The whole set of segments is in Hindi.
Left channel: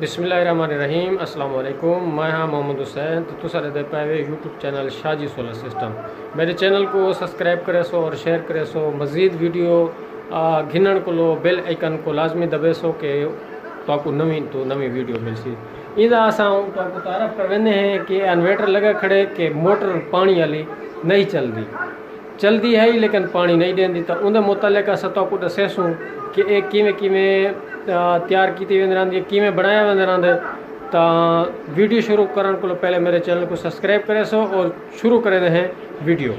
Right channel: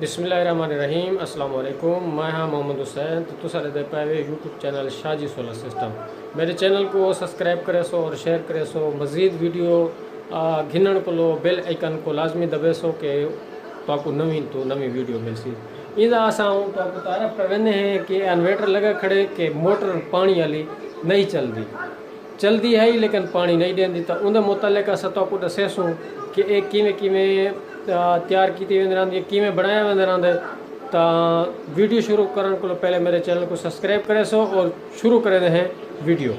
बिस्मिल्लाहिर्रहमानिर्रहीम अस्सलाम वालेकुम। मैं हाँ मोहम्मद हुसैन। तो तुसारे दे पाए YouTube channel Shaji solar system मेरे चैनल को सब्सक्राइब करे सो और शेयर करे सो। मज़ीद वीडियो घिनण को लो बेल आइकन को लाजमी दबे सो के तो आपको नवी वीडियो मिल सी। इदा असां तो आपको तारफ़ कर वेंदे हैं कि इन्वर्टर लगा खड़े कि मोटर पानी वाली नहीं चलती है ही लेकिन पानी नहीं देंदी। तो उन मुतालिक असां तो दसेसूँ कि एक किवें किवें तैयार की वेंदी किवें बनाया वेंदे रहंदे। तो वीडियो शुरू करण को पहले मेरे चैनल को सब्सक्राइब करे सो और शुरू करे हैं वीडियो।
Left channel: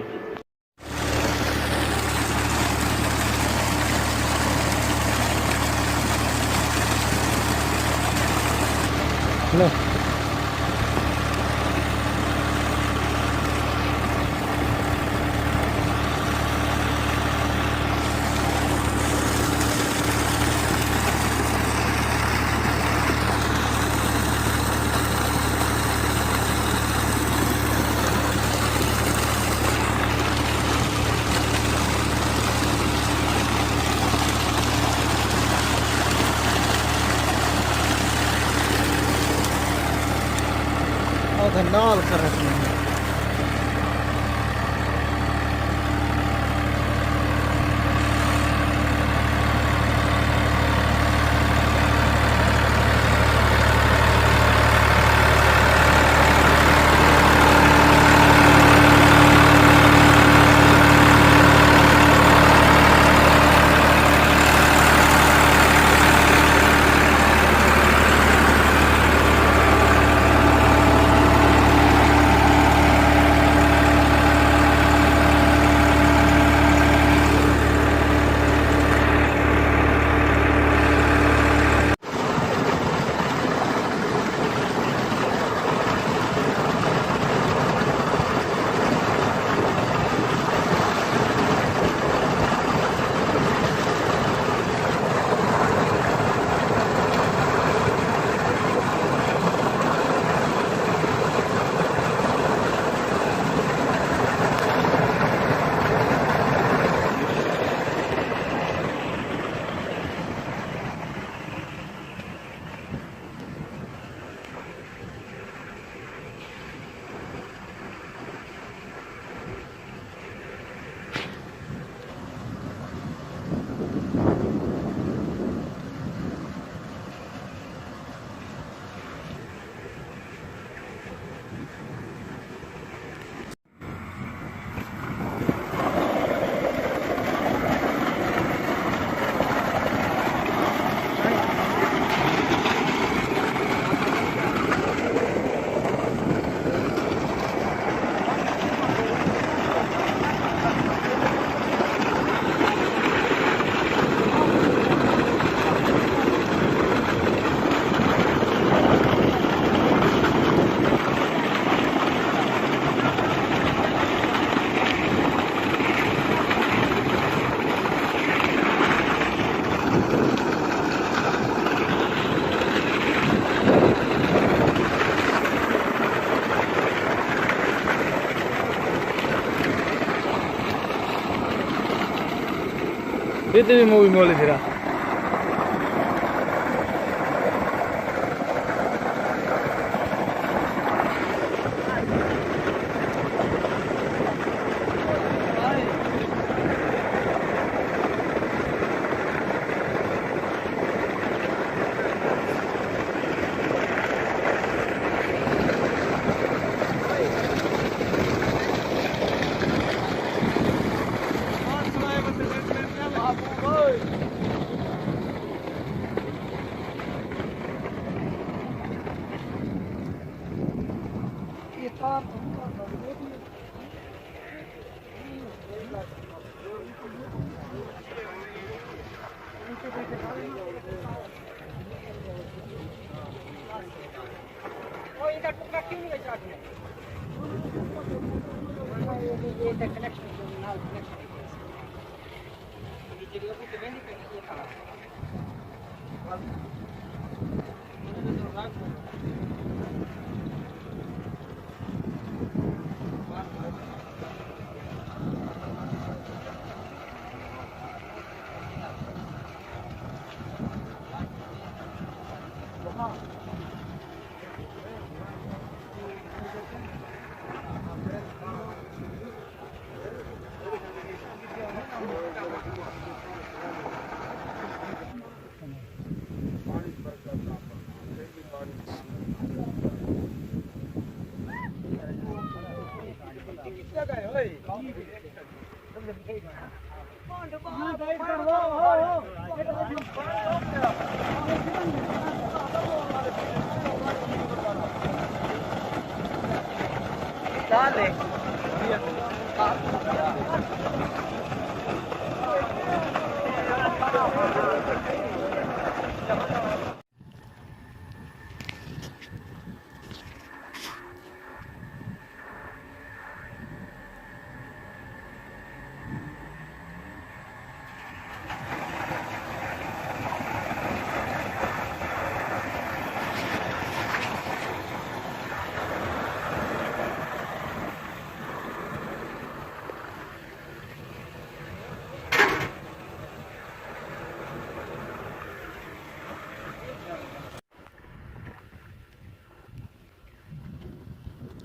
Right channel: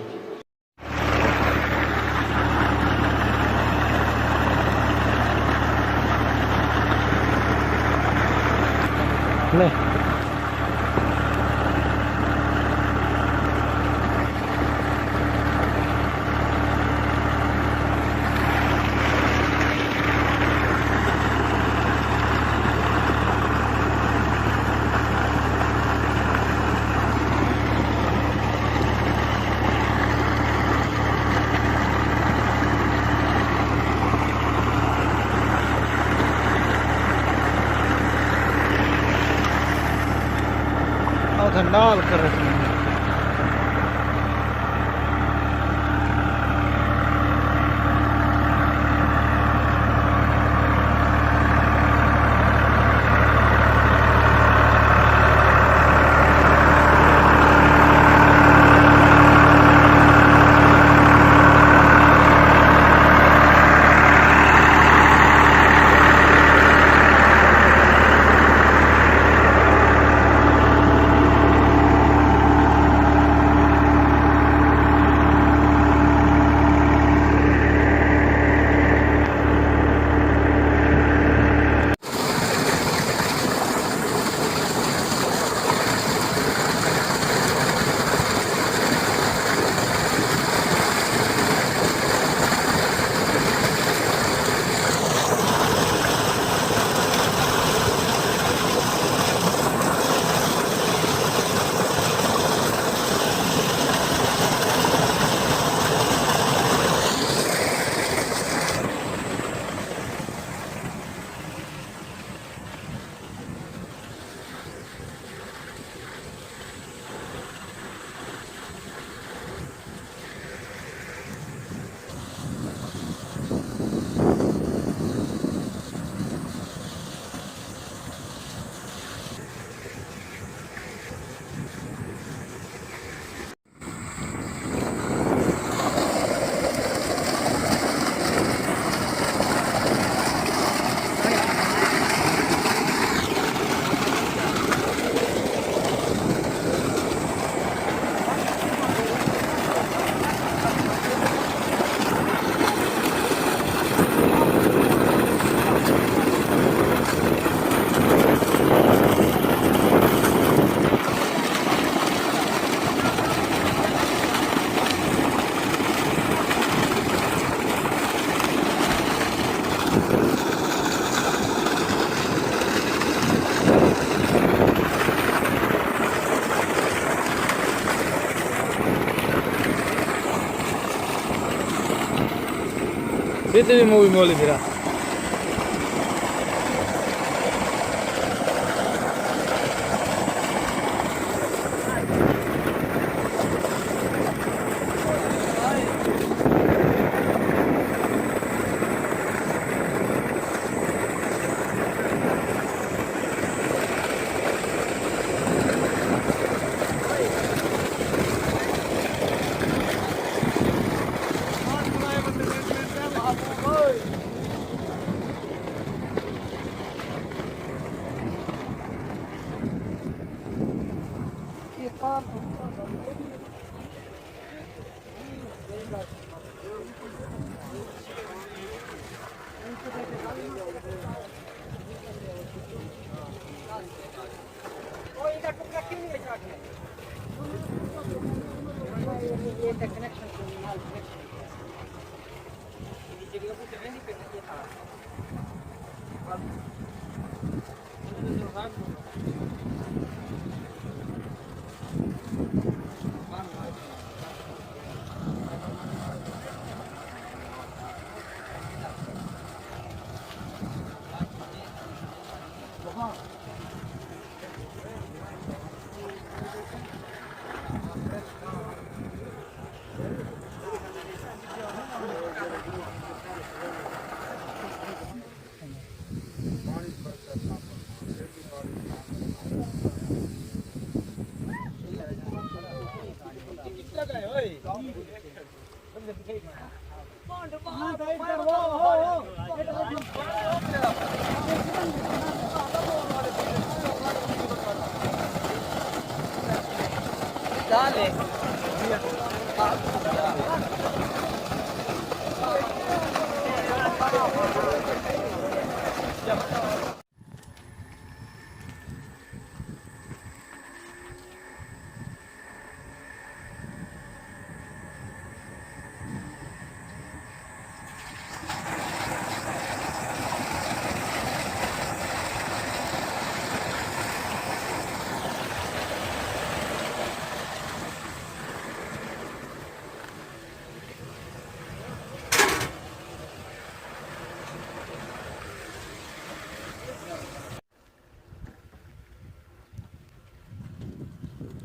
नहीं लाल कर रखी है। Itu mau mulai dirah.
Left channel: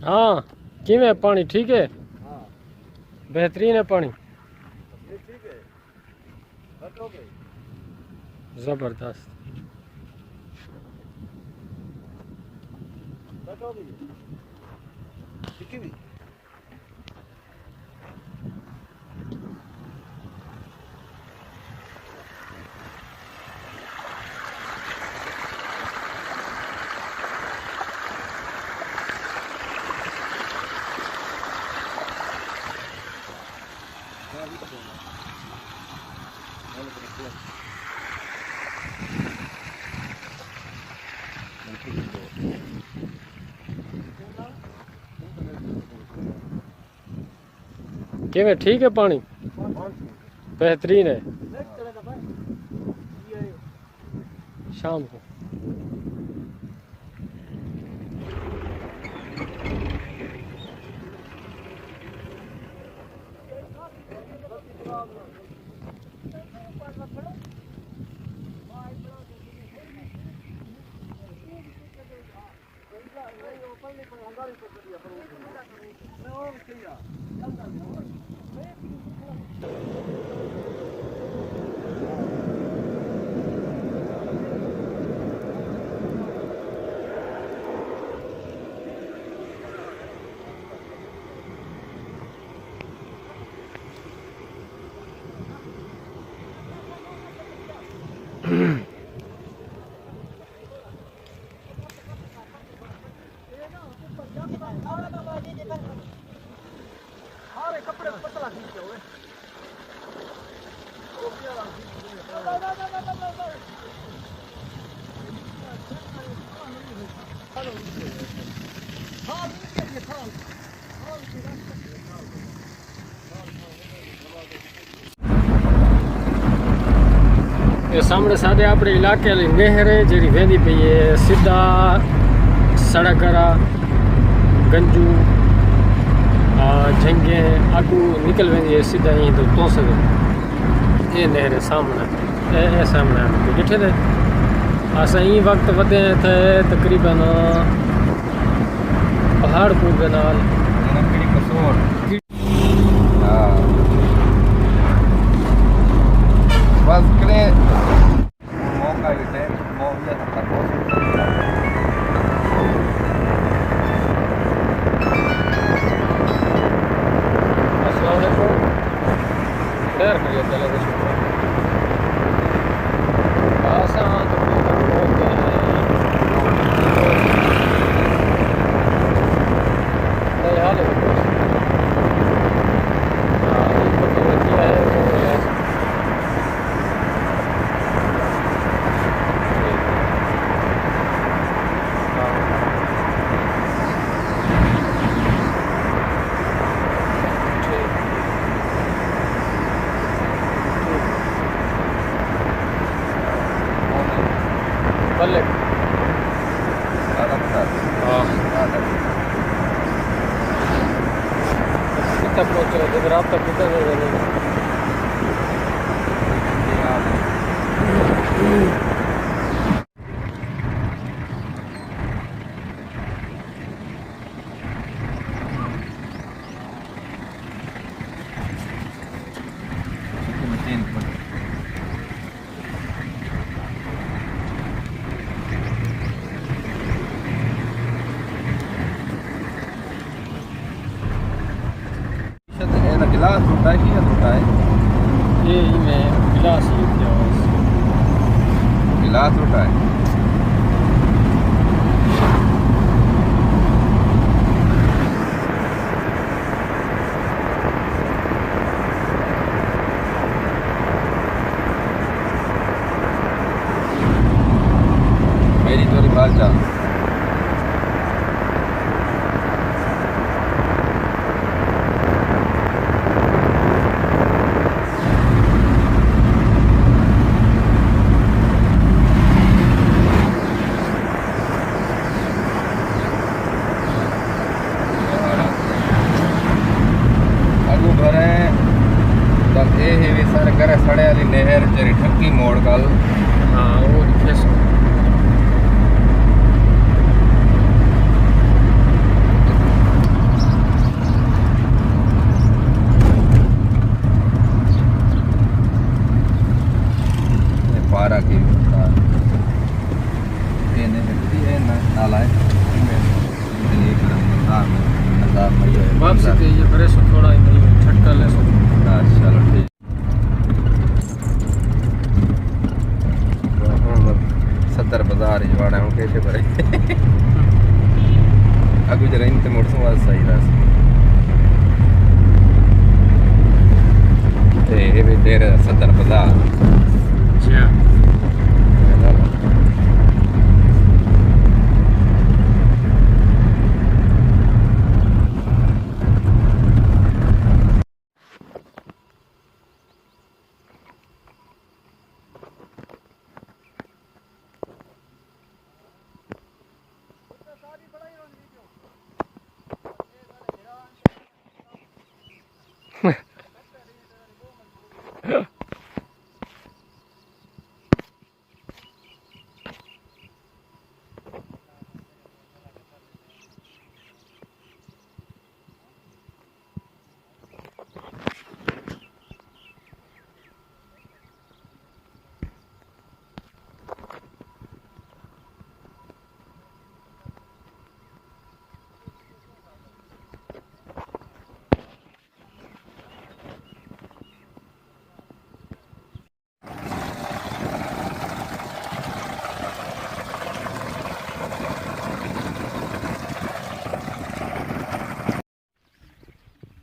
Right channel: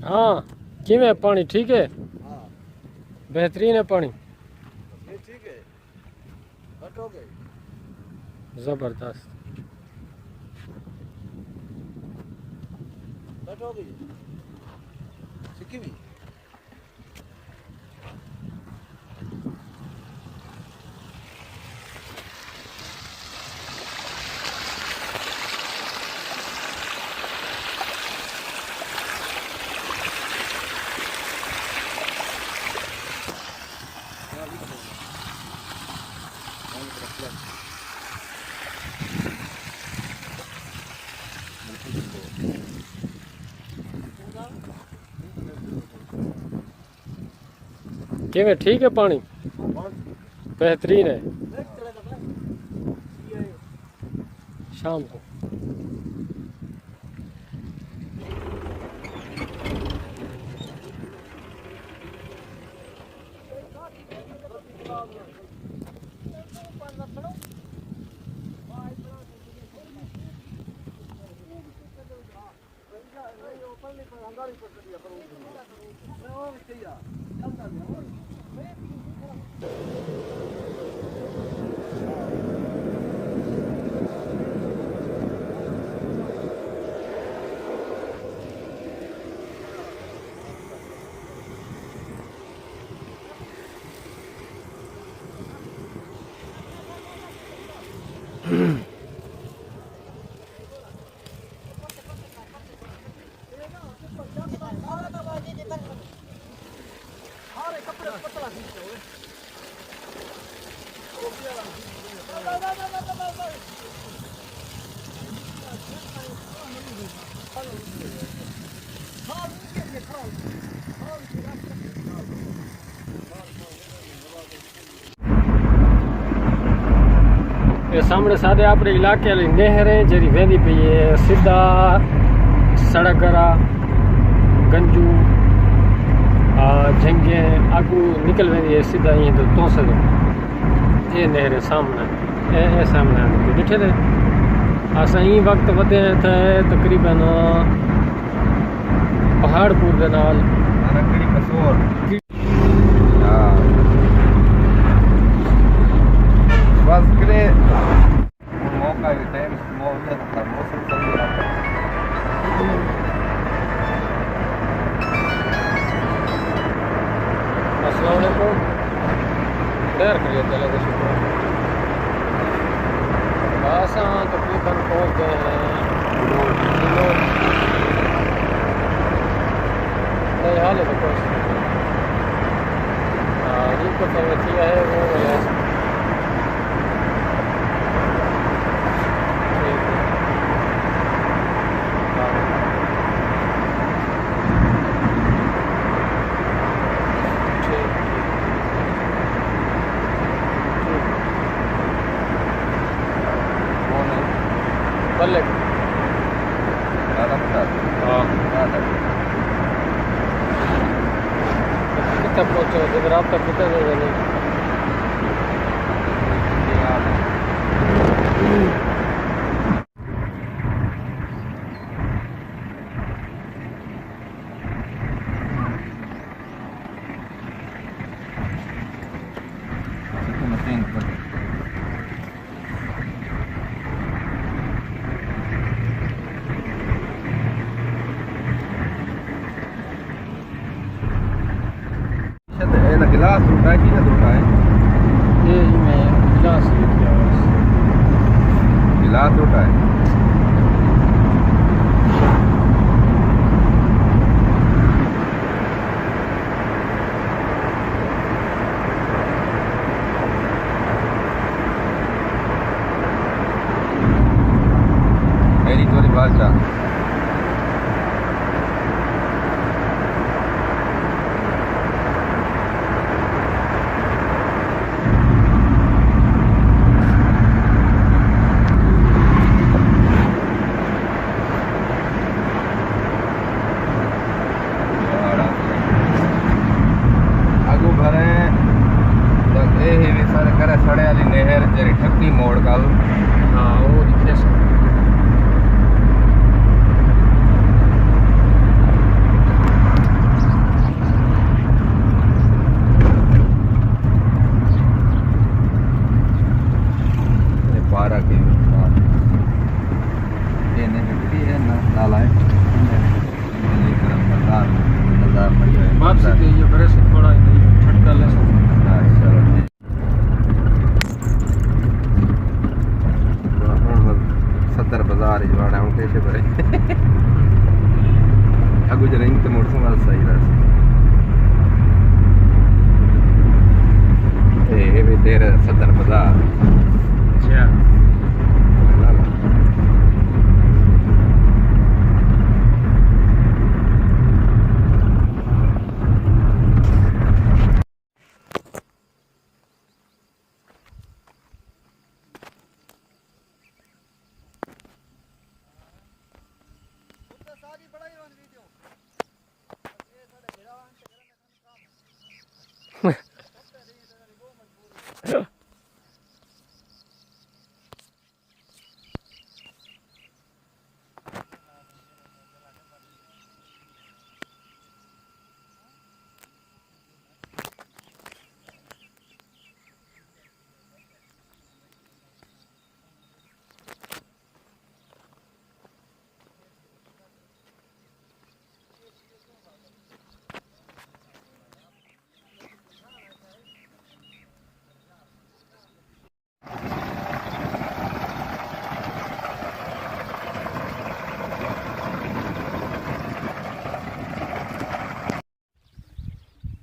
हाँ किमें पानी ठीक है? हाँ बेहतरीन है पानी, ये ठीक है। घट हो गई, जबरदस्त। घट हो गई लिखी हुई। किमें ठीक है पानी? बेहतरीन है। शाम को ये सामने सादे अपने इलाके वाली नहर है जी वेंदी पई है सीधा सड़करा गंजू झंगे आगू निकल वेंदी है सीधा यहीं तो सदो ये नहर है सामने ए सामने ॾिठे ने असां ई वक्त वधे थे तकरीबन पहाड़पुर के नाल बस करे मौका है मौका अस्सलाम वालेकुम खैर भैया चले गए शुक्र असां तकरीबन पहुंच गए हैं नए हाल है इनको तो किया है वो है बल्ले कितना पहुँचो इधर आप तक कितने में जाएंगे गिलास टूटा है कि ना टूटा है? ये इनमें गिलास ही क्या है? गिलास टूटा है। मेरी थोड़ी बात था। आगू भरे बस ये ही भी सारे करे सड़े वाली नहर जरी ठक्की मोड़ कल। हाँ वो लिखे सो पारा के ये नहीं है ना नाला है मजार में ये वापसी ते ये करे सो थोड़ा झटका ले सो। चलो ठीक। सदर बाजार ही वाड़ा हूँ कैसे भरे अगू जरा इन तो मोटरसाइकिल सही रहा ये भी तेरे सदर बाजार जा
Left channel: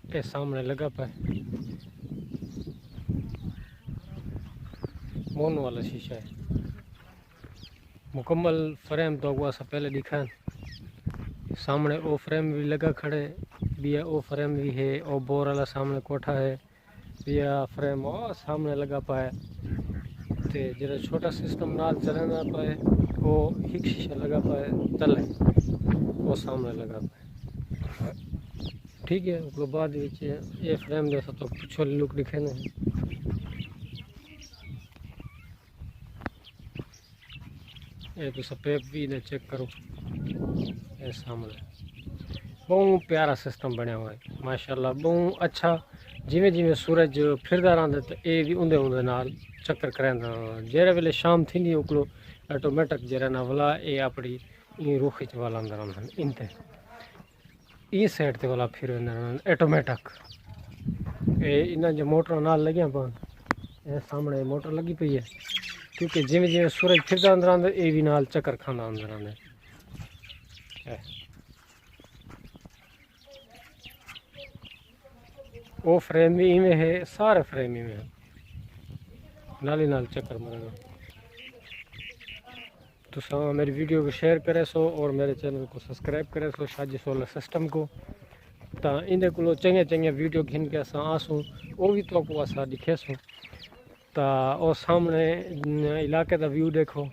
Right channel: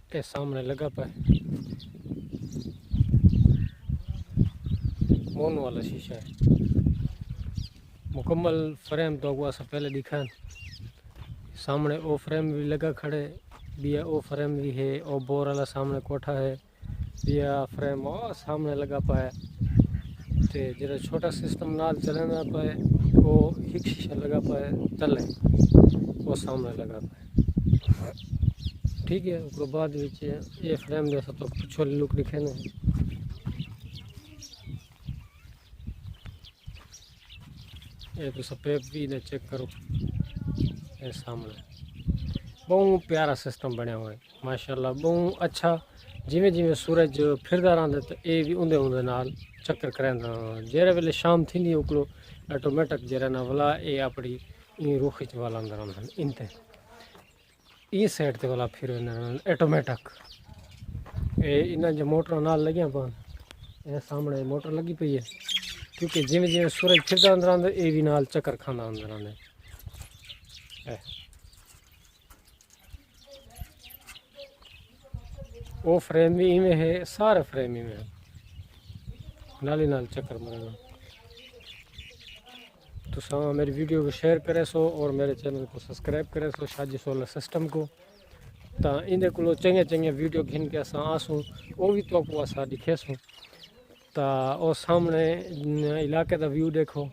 के सामने लगा पाए मोन वाला शीशा है मुकम्मल फ्रेम तो हुआ सा पहले दिखा सामने ओ फ्रेम भी लगा खड़े बिया ओ फ्रेम भी है ओ बोर वाला सामने कोठा है बिया फ्रेम ओ सामने लगा पाए ते जरा छोटा सिस्टम नाल चले ना पाए वो हिक शीशा लगा पाए चले वो सामने लगा पाए ठीक है। उसके बाद ये फ्रेम जैसा तो पिछले लुक दिखे ना ये तो सफेद भी इधर चेक करो ये सामने बहुत प्यारा सिस्टम बनया हुआ है माशाल्लाह बहुत अच्छा। जिमें जिमें सूरज फिरदा रहा तो ये भी उंदे उंदे नाल चक्कर करेंदा जेरे वेले शाम थी उकलो ऑटोमेटिक जरा ना वाला ये अपनी रुख च वाला अंदर रहन इनते ई साइड ते वाला फिर ऑटोमेटिक ये इन्हें जो मोटर नाल लगिया पान ये सामने मोटर लगी पई है क्योंकि जिमें जिमें सूरज फिरदा अंदर आंदा ये भी नाल चक्कर खांदा अंदर आंदा वो फ्रेम भी इवें है सारे फ्रेम इवें है नाली नाल चक्कर मारेगा। तो मेरी वीडियो को शेयर करे सो और मेरे चैनल को सब्सक्राइब करे सो शाजी सोलर सिस्टम को तो इन को चंगे चंगे वीडियो घिन के असा आसूँ वो भी तो असा दिखेसूँ तो वो सामने इलाके का व्यू देखो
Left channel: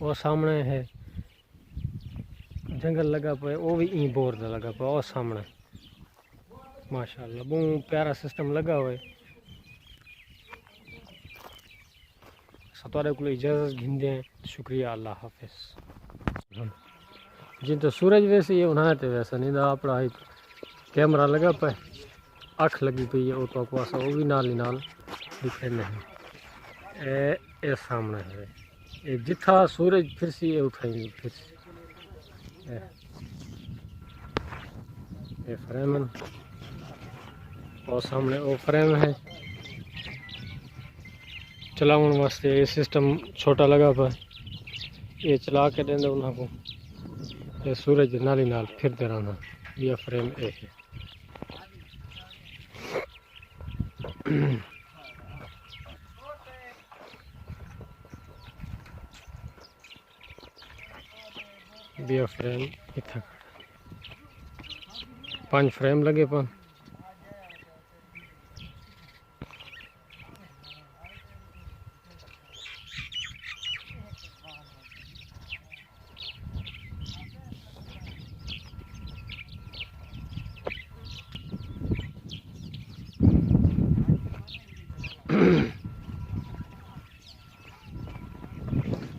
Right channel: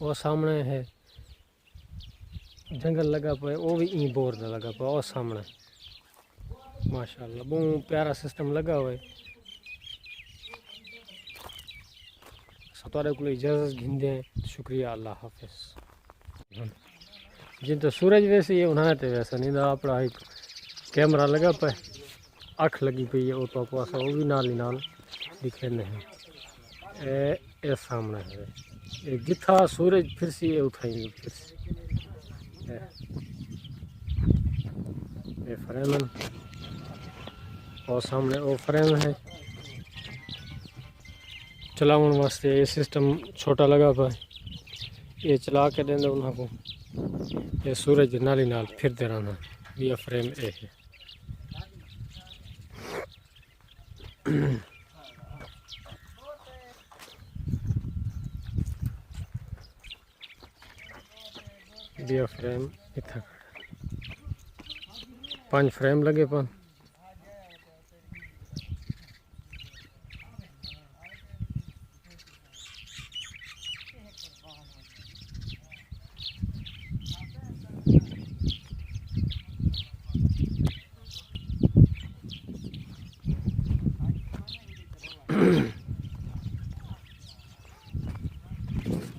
वो सामने है जंगल लगा पे वो भी ई बोर का लगा पे वो सामने माशाल्लाह बहुत प्यारा सिस्टम लगा हुआ है। सतारे को इजाज़त घिंदे शुक्रिया अल्लाह हाफिज। जिन तो सूरज वैसे ये उन्हें तो वैसा नहीं था अपना एक कैमरा लगा पे अख लगी पई है वो तो पासा वो भी नाल ही नाल दिखे नहीं ए सामने है ये जिथा सूरज फिर सी ये उठाएंगे फिर ये फ्रेमन और सामने वो फ्रेम है चलावन वास्ते। ये सिस्टम छोटा लगा पाए, ये चला के देंगे उन्होंने ये सूरज नाली नाल फिरते रहना। ये फ्रेम ए है। ये फ्रेम इतना 5 फ्रेम लगे पन।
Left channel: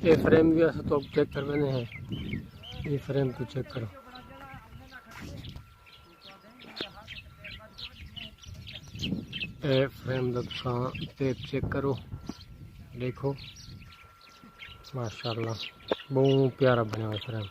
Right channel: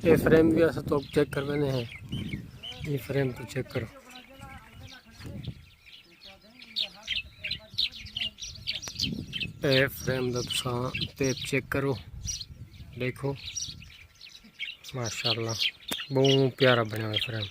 ये फ्रेम भी ऐसा तो चेक करवाने हैं। ये फ्रेम तो चेक करो, ये फ्रेम का तुसा टेप चेक करो, देखो माशाल्लाह बहुत प्यारा बना हुआ फ्रेम।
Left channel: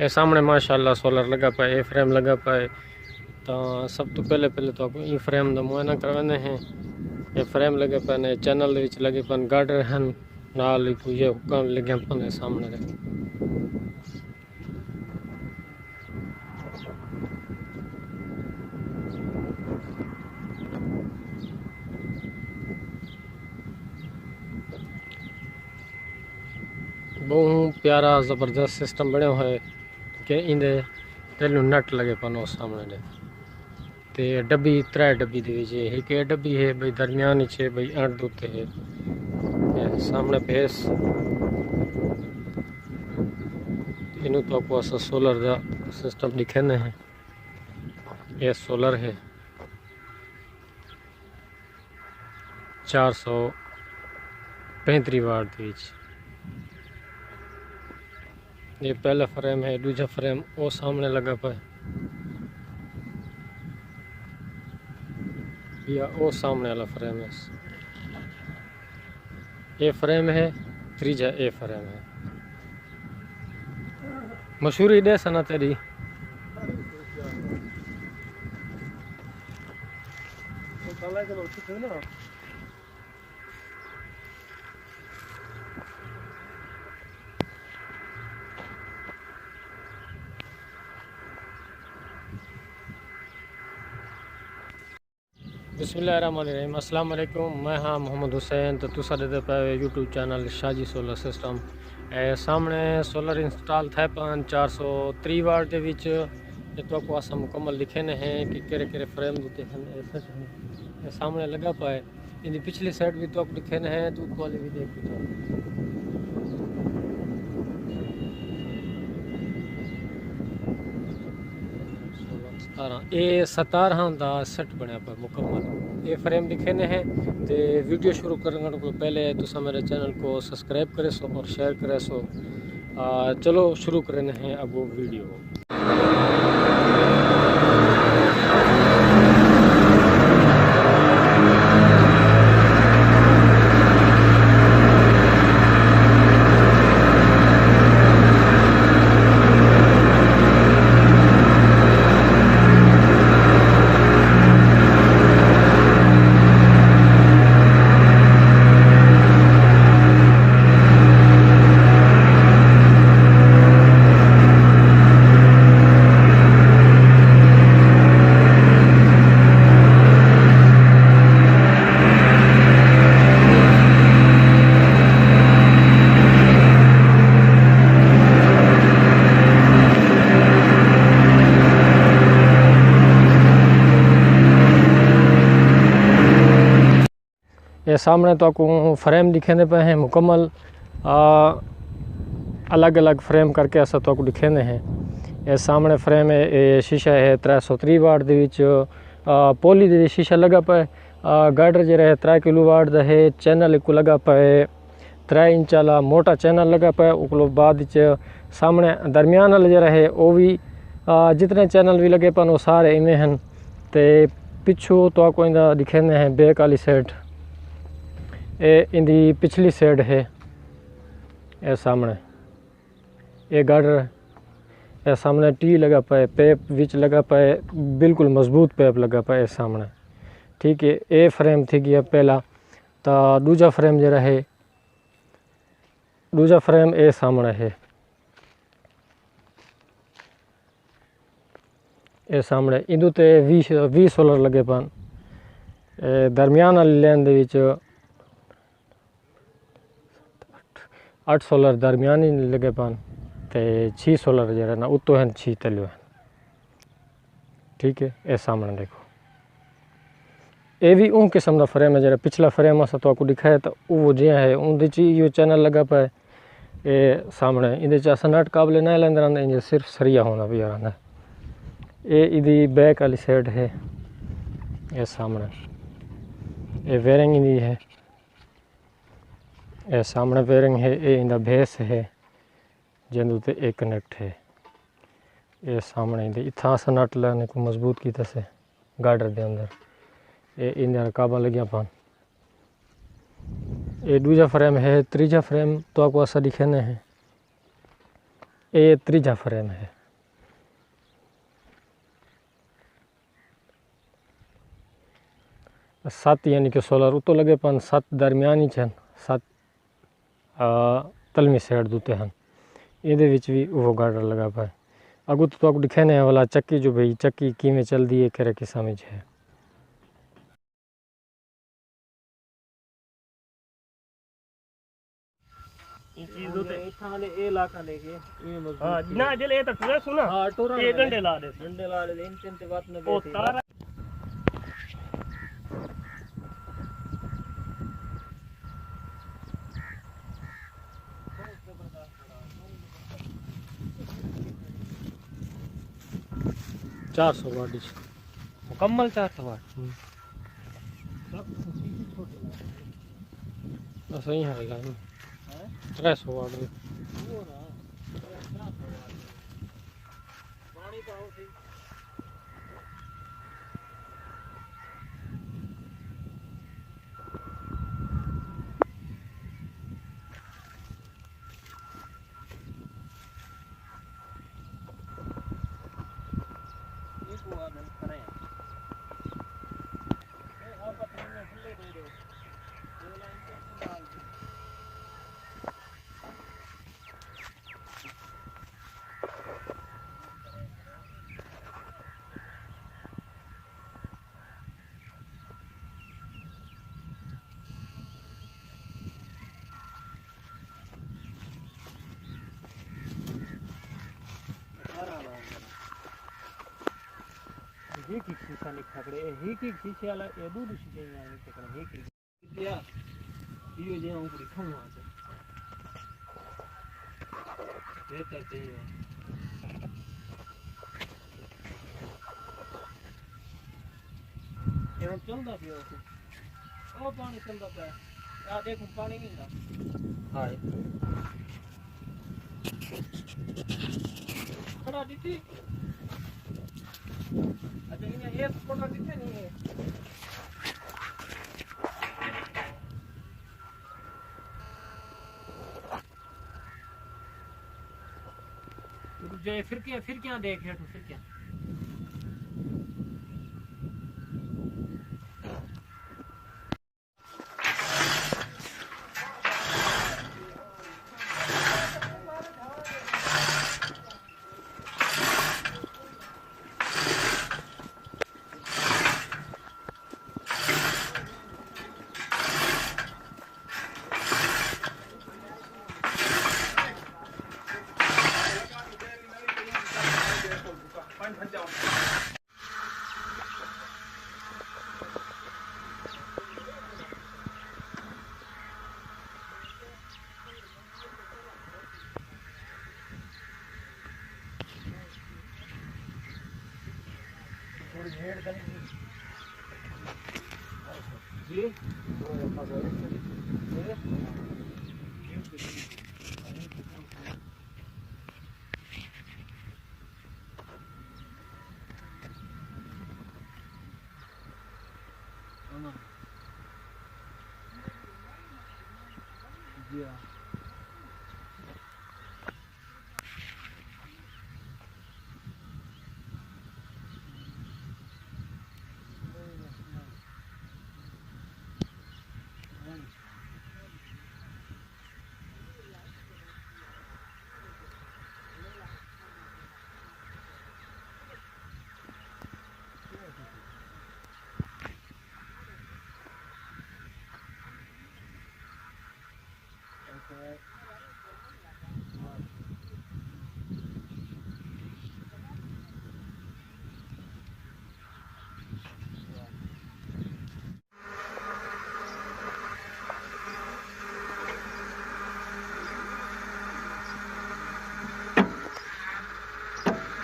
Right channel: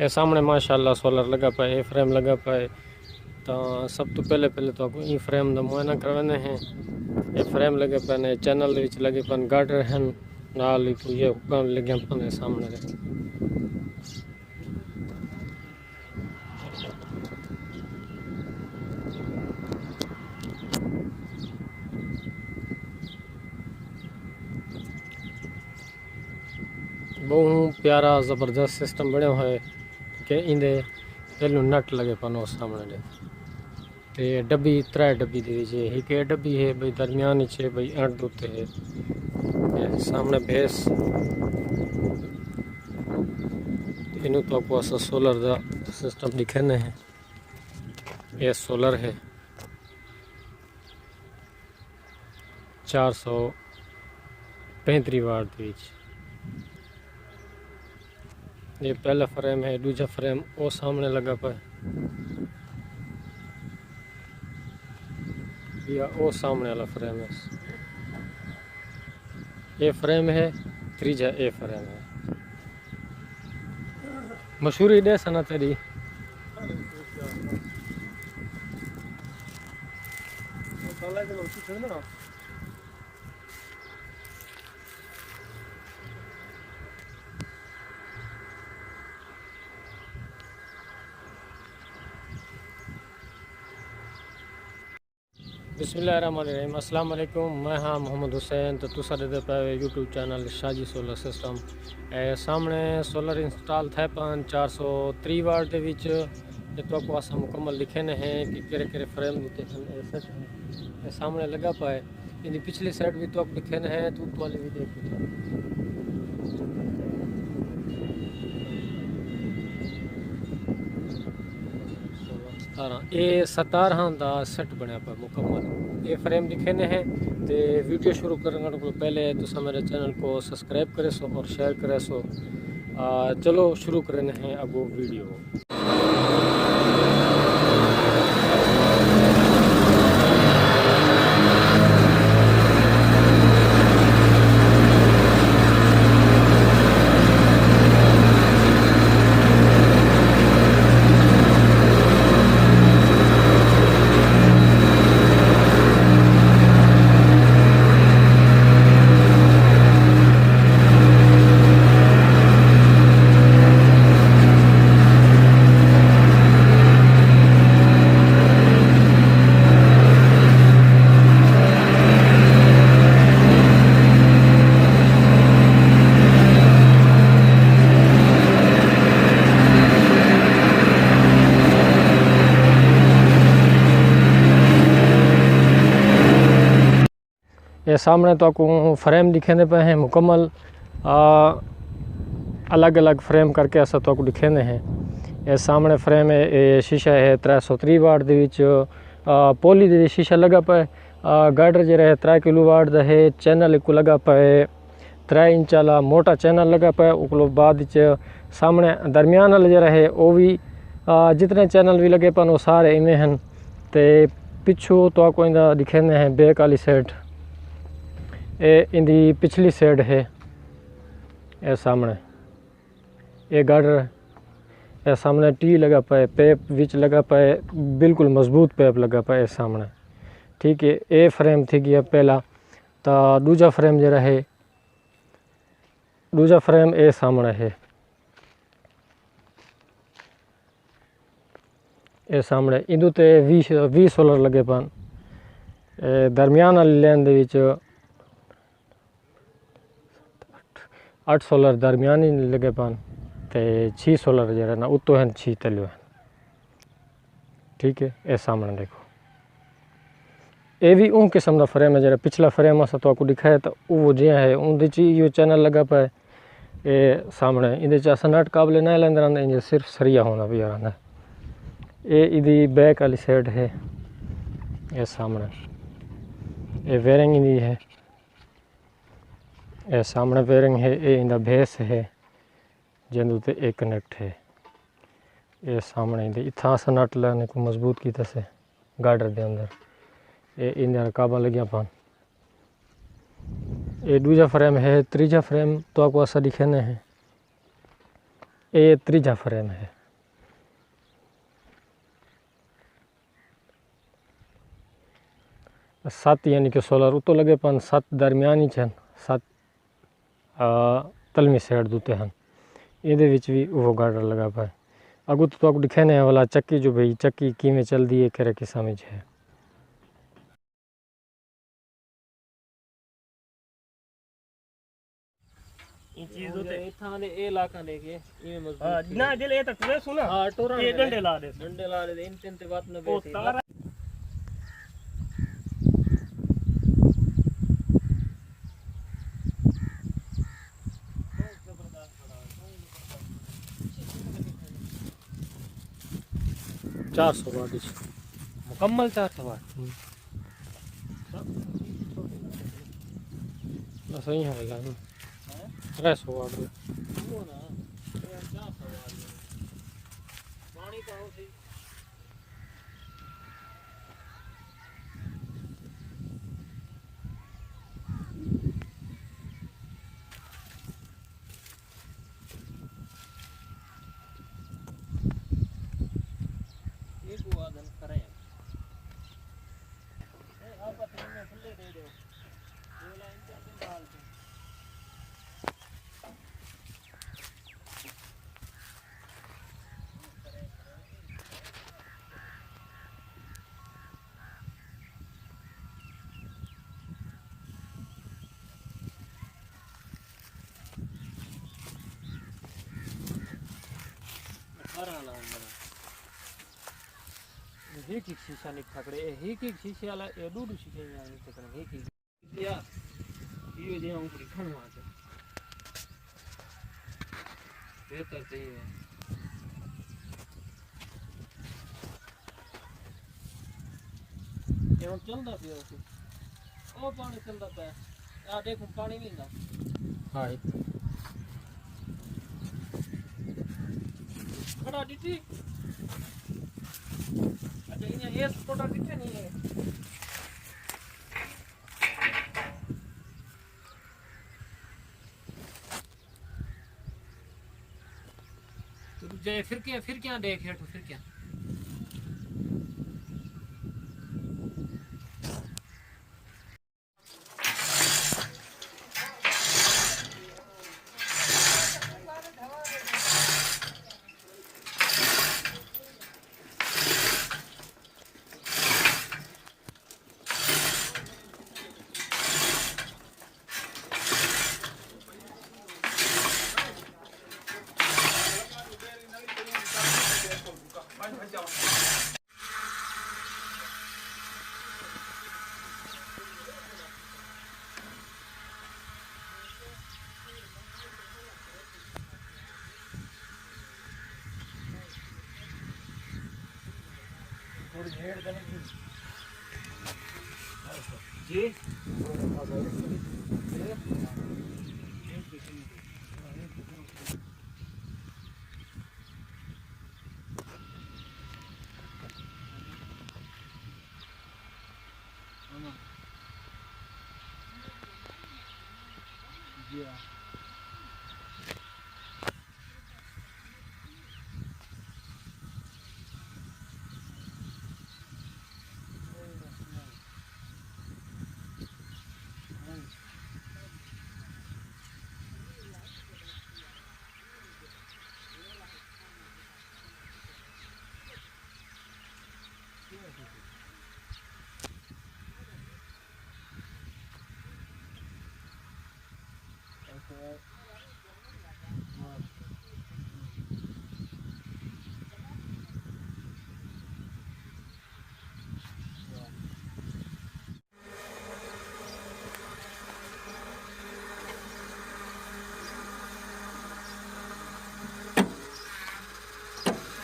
ये सामने माशाल्लाह सोलर लगा पाए, ये फ्रेम लगा पाए। तो सब तो पहले तो ये फ्रेम का मुआयना करवाने हैं। ये फ्रेम लगे पे ने चैनल लगे पन गार्डर हैं नाल ही ये काम लगे पाने सामने दे। बहुत प्यारा जबरदस्त सिस्टम बने हुए कि इंदे तेल नट लगे पानो सामने दे ते डब्बी 3 डब्बी दे विच एक ये डब्बी है भाई दरमियान छे भाई 8 दूते है ये सामने बेस इन तो को सोलर का सिस्टम दिखने है। ये सोलर है 435 वाट दी विच। ये पहला फ्रेम है, दूसरा फ्रेम वो सामने लगा पाए या वो सामने वाला फ्रेम है। ये फ्रेम है, तीजा ए फ्रेम है। मशहूरी दे सना तेरी बिस्मिल्लाहिर्रहमानिर्रहीम। अस्सलाम वालेकुम। मैं हाँ मोहम्मद हुसैन तो तुसा दे पे YouTube channel Shaji solar system सामने सोलर इंस्टॉल थे 430 वाट दे विच ये तो को असा मुकम्मल लिखे ने हैं कि केरे केरे फ्रेम दिते हैं सामने लगा पाए। इन पिछली साइड भी तो लिखे ने हैं तो वाली भी देख ये 17 का सेट बनया पर मुकम्मल। ये फ्रेम लिखे ने हैं तो वीडियो शुरू करने को पहले तुसा मेरे चैनल को सब्सक्राइब करे सो और शेयर करे सो। चलो शुरू करने हैं अब वो वीडियो। ये सामने तो आपको फ्रेम दिखेने पे हैं मुकम्मल अलग अलग फ्रेम करके ऐसा तो आपको दिखेने हैं। ये सामने फ्रेम है, ये शीशा है 330 वाट दे विच पोली दे शीशा लगा पाए। गार्डर जो है 3 किलो वाट दा है। चैनल को लगा पाए 3 इंच वाला मोटा चैनल लगा पाए। उको बाद सामने दरमियान वाला जो है वो भी जितने चैनल भी लगे पान वो सारे इवें हैं। तो पिछू तो आपको इंदा दिखेने हैं बैक वाली साइड ये इंदी पिछली साइड है। ये सामने ये गार्डर ये सामने टी लगा पाए पैप विच लगा पाए बिल्कुल मजबूत पैप लगा पाए सामने। ठीक है ये फ्रेम थी गया पहला। तो दूजा फ्रेम जरा है दूजा फ्रेम ये सामने है। ये सामने इदू ते 20 सोलर लगे पान। दरमियान वाली लाइन दे विच 8 सोलर दरमियानी लगे पान ते 6 सोलर जरा ना उतो हैं 6 तलियो हैं। ठीक है ये सामने देखो ये भी उन किस्म का फ्रेम है जरा पिछला फ्रेम अस तो आपको दिखाया तो वो जो है उनके यो चैनल लगा पाए। ये सामने इधे अस नट काबले ना लेंदर आंदे सिर्फ सरिया होना भी आंदा। ये इदी बैक वाली साइड है। ये सामने ये वेरिंग इदी है। ये सामने वेरिंग है। ये इंदा बेस है जिंदू ते एक कनेक्ट है। ये सामने इंदे इथा सा नट लाने को मजबूत की से गार्डर दे अंदर ये इंदा काबा लगिया पान। ये दूजा फ्रेम है। तीजा फ्रेम तो आपको ऐसा दिखने हैं। ये तीजा फ्रेम है। सात यानी कि सोलर उतो लगे पान 7 दरमियानी छन 7 तलवी साइड दूते हैं ये भी वो गार्डर लगा पाए अगू तो आपको दिखे ने वाला चक्की जो भाई चक्की किमें चल दी है करे किसा में है। ना जले तक ना सुना हां टोरा ये डंडे ला दे इन तीन ते बात में दे तारा चार सौ वाट मुकम्मल 400 वाट सही है गाड़ी 300 वाट एक शीशा निक पकड़े एक शीशे वाला ए दो शीशे में आने तक एक लिया ये जे हम पूरी खम वहां से बेहतर सही है ये हम चलदा पियो ओ पानी चलदा पे आ देखो पानी नहीं था हाँ खड़ा दीदी अच्छा ये फोटो कितने नहीं है तो जय फिर क्या देख है तो फिर क्या थोड़ी भेड़ करेंगे जी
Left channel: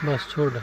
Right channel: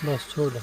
बस छोड़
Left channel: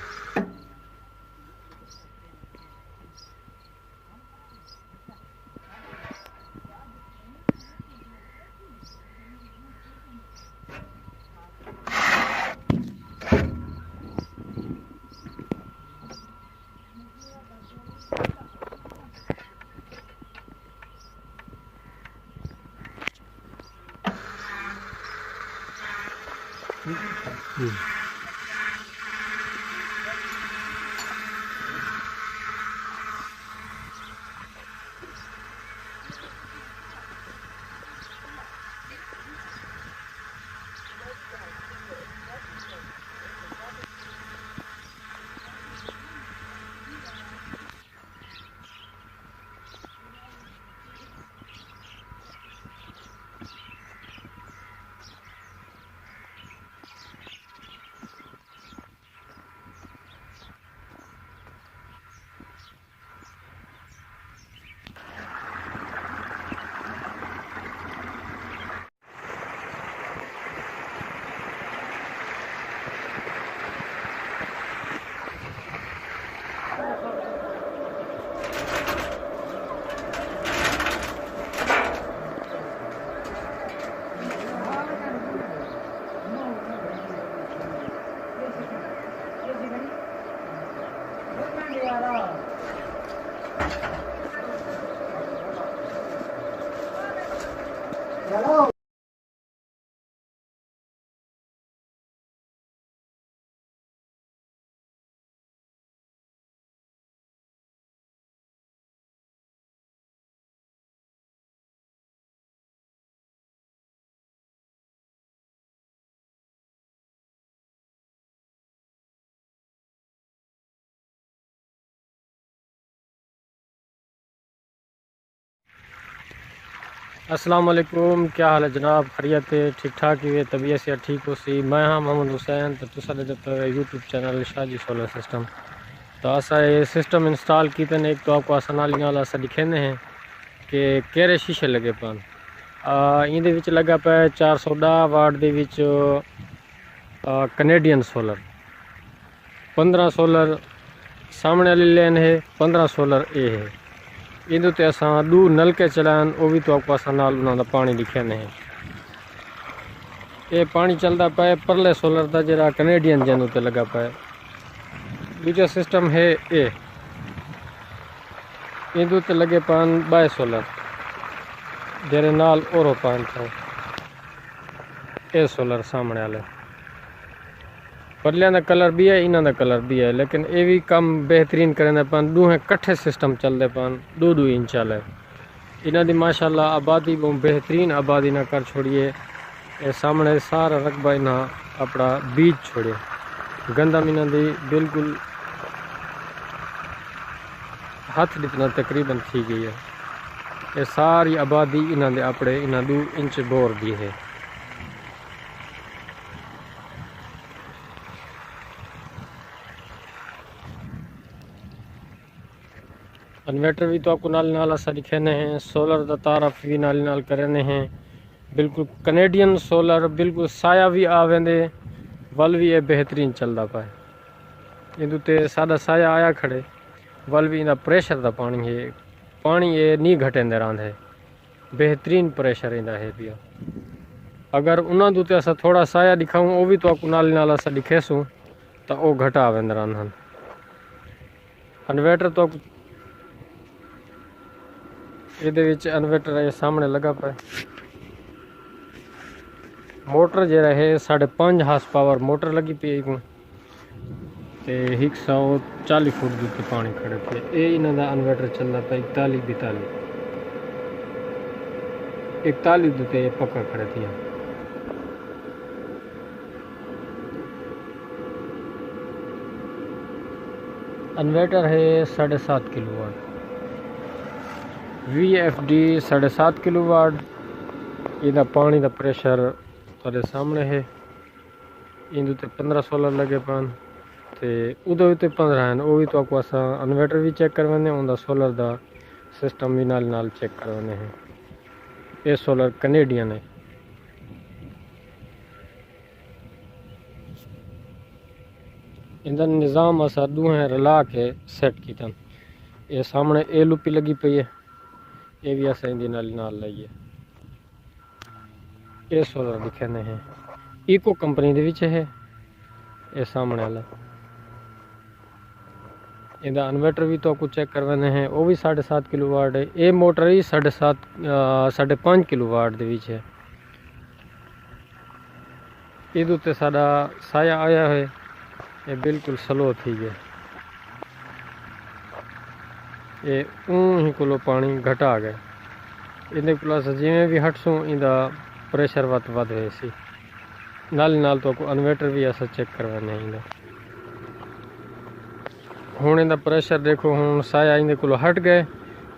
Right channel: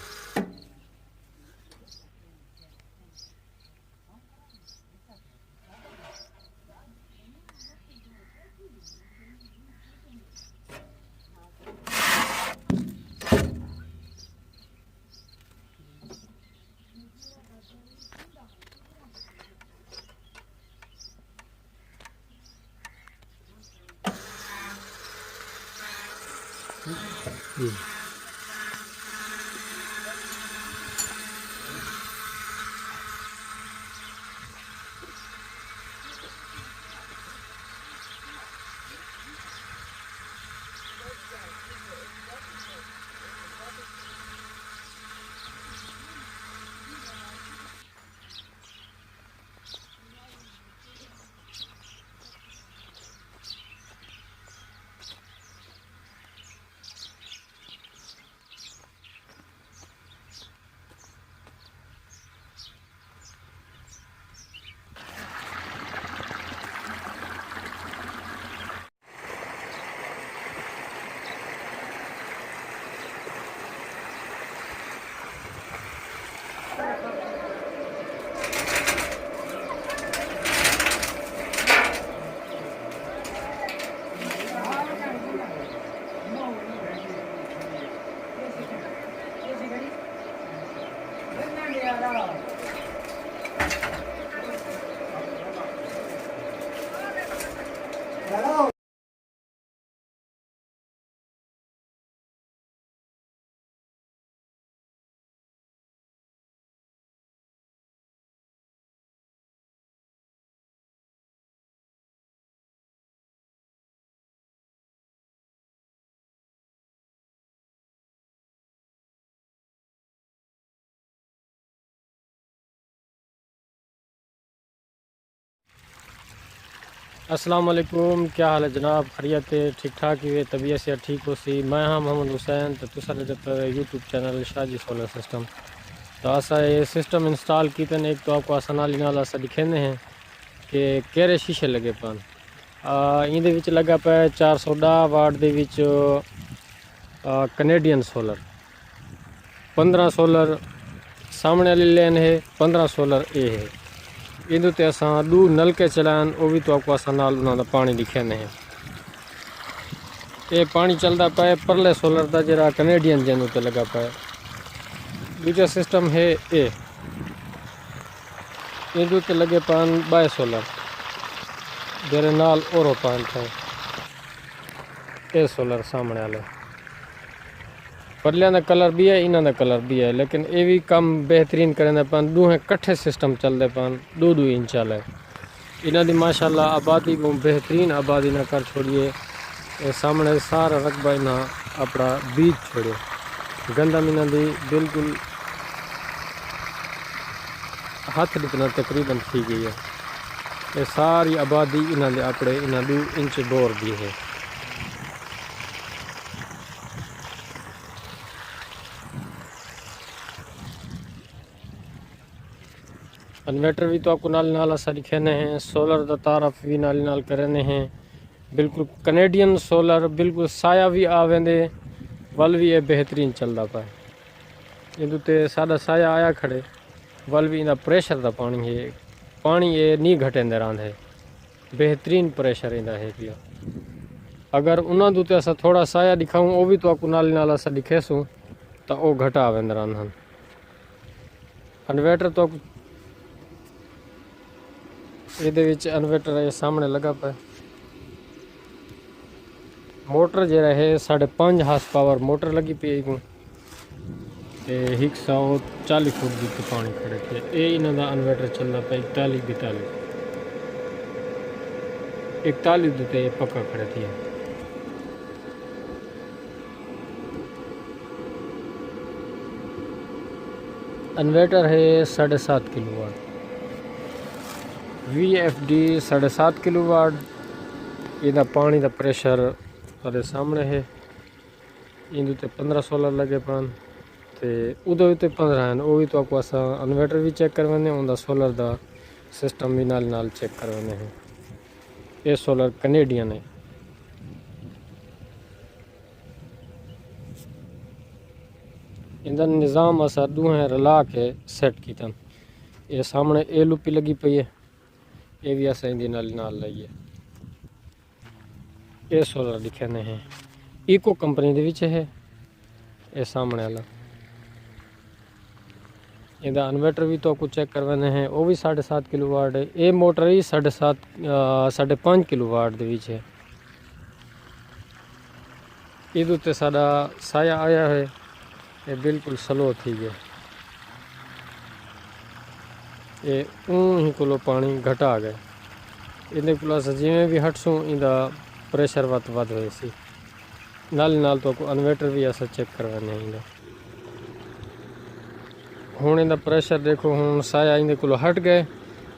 अस्सलाम वालेकुम, क्या हाल है जनाब? खैरियत है? ठीक ठाक ही है? तबीयत से ठीक हो सी? मैं हाँ मोहम्मद हुसैन, तो तुसा YouTube channel Shaji solar system. तो असा ये सिस्टम इंस्टॉल किए एक तो आपको आसान नाल अस दिखेंदे हैं कि केरे शीशे लगे पान। इंदे विच लगा पे 410 वाट दे विच कनेडियन सोलर, 15 सोलर सामने वाली लेन है, 15 सोलर ए है। इधर ते असा दू नलके चलान, वो भी तो आपको आसान नाल उन्होंने पानी दिखेंदे हैं। ये पानी चलता पे परले सोलर का जरा कनेडियन जन उत्ते लगा पे। दूजा सिस्टम है ए, इधर ते लगे पान बाय सोलर जेरे नाल ओरो पान थे ए सोलर सामने वाले। परलिया का कलर भी है, इन्हों का कलर भी है, लेकिन ये भी कम बेहतरीन करें पान। दूहें कट्ठे सिस्टम चलते पान, 2-2 इंच वाले। इन्हों की माशाल्लाह आबादी बहुत बेहतरीन आबादी ना कर छोड़िए। ये सामने सारा रकबा इन्हें अपना बीज छोड़े। गंदम इन्हों की बिल्कुल हाथ जितना तकरीबन थी गई है। ये सारी आबादी इन्हों के अपने 2 इंच बोर दी है। इन्वर्टर भी तो आपको नाल असा दिखेने हैं। सोलर का तारफ भी नाल करने हैं। बिल्कुल कनेडियन सोलर, बिल्कुल साया भी आवेंदे, वल भी ये बेहतरीन चलता पाए। इधर ते सादा साया आया खड़े, वल भी इनका प्रेशर का पानी है, पानी ये नहीं घटेंदे रहा है, बेहतरीन प्रेशर इनका है पिया। अगर उन्होंने ते असा थोड़ा साया दिखाऊँ, वो भी तो आपको नाल असा दिखेसूँ तो वो घटा आवेंदे रहा। इन्वर्टर तो ये इन्वर्टर ये सामने लगा पे। मोटर जरा है 5.5 हार्स पावर मोटर लगी पी को, 140 फुट दूर पानी खड़े थे। ये इन्हों का इन्वर्टर चलता पे 41 दूते ये पक्का खड़े थे। इन्वर्टर है 7.5 किलोवाट, VFD 7.5 किलोवाट। इनका पानी का प्रेशर तेरे सामने है। इन 15 सोलर लगे पान, तो उदो भी 15 हैं। वो भी तो आपको असा इन्वर्टर भी चेक करवाने, उनका सोलर का सिस्टम भी नाल चेक करवाने हैं। ये सोलर कनेडियन है। इनका निज़ाम असा दूहें रला के सेट किया। ये सामने LUP लगी पई है, ये भी असा इंदी नाल लाइए। ये सोलर दिखाने हैं, इको कंपनी दे विच है। ये सामने वाला इनका इन्वर्टर भी तो आपको चेक करवाने हैं, वो भी 7.5 किलोवाट है। ये मोटर ही 5.5 किलोवाट दे विच है। इधर उत्ते साडा साया आया है, ये बिल्कुल स्लो थी गया। ये ही को पानी घटा गया। इन्हें को जिमें भी हटसूँ इनका प्रेशर वध हुए सी। नाल तो आपको इन्वर्टर भी ऐसा चेक करवाने हैं। हुण इनका प्रेशर देखो, हुण साया इनके को हट गए,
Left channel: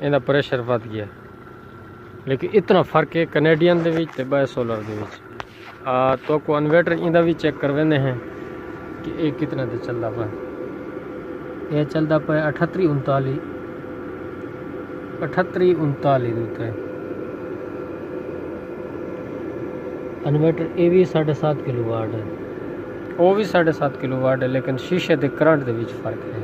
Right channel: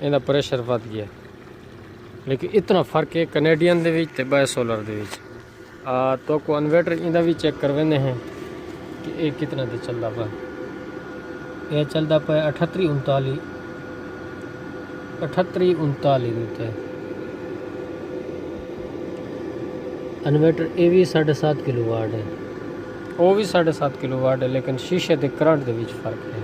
इनका प्रेशर वध गया। लेकिन इतना फर्क है कनेडियन दे विच ते बाय सोलर दे विच। तो आपको इन्वर्टर इनका भी चेक करवाने हैं कि ये कितना तो चलता पा। यह चलता पाए 38-39 है। इन्वर्टर ये भी 7.5 किलोवाट है, वो भी 7.5 किलोवाट है, लेकिन शीशे के करंट के बीच फर्क है।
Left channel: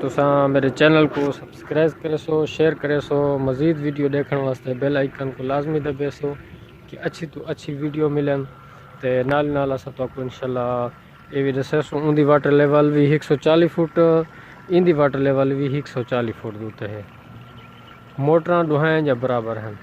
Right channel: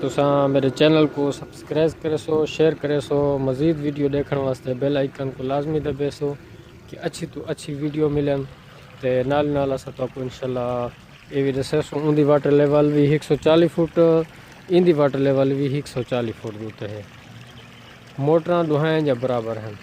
तुसा मेरे चैनल को सब्सक्राइब करे सो, शेयर करे सो। मज़ीद वीडियो देखने वास्ते बेल आइकन को लाजमी दबे सो कि अच्छी तो अच्छी वीडियो मिलन। तो नाल अस तो इंशाल्लाह ये भी दसे उनकी वाटर लेवल भी 140 फुट, इनकी वाटर लेवल भी 140 फुट दूते है। मोटर दुहाएं या बराबर हैं।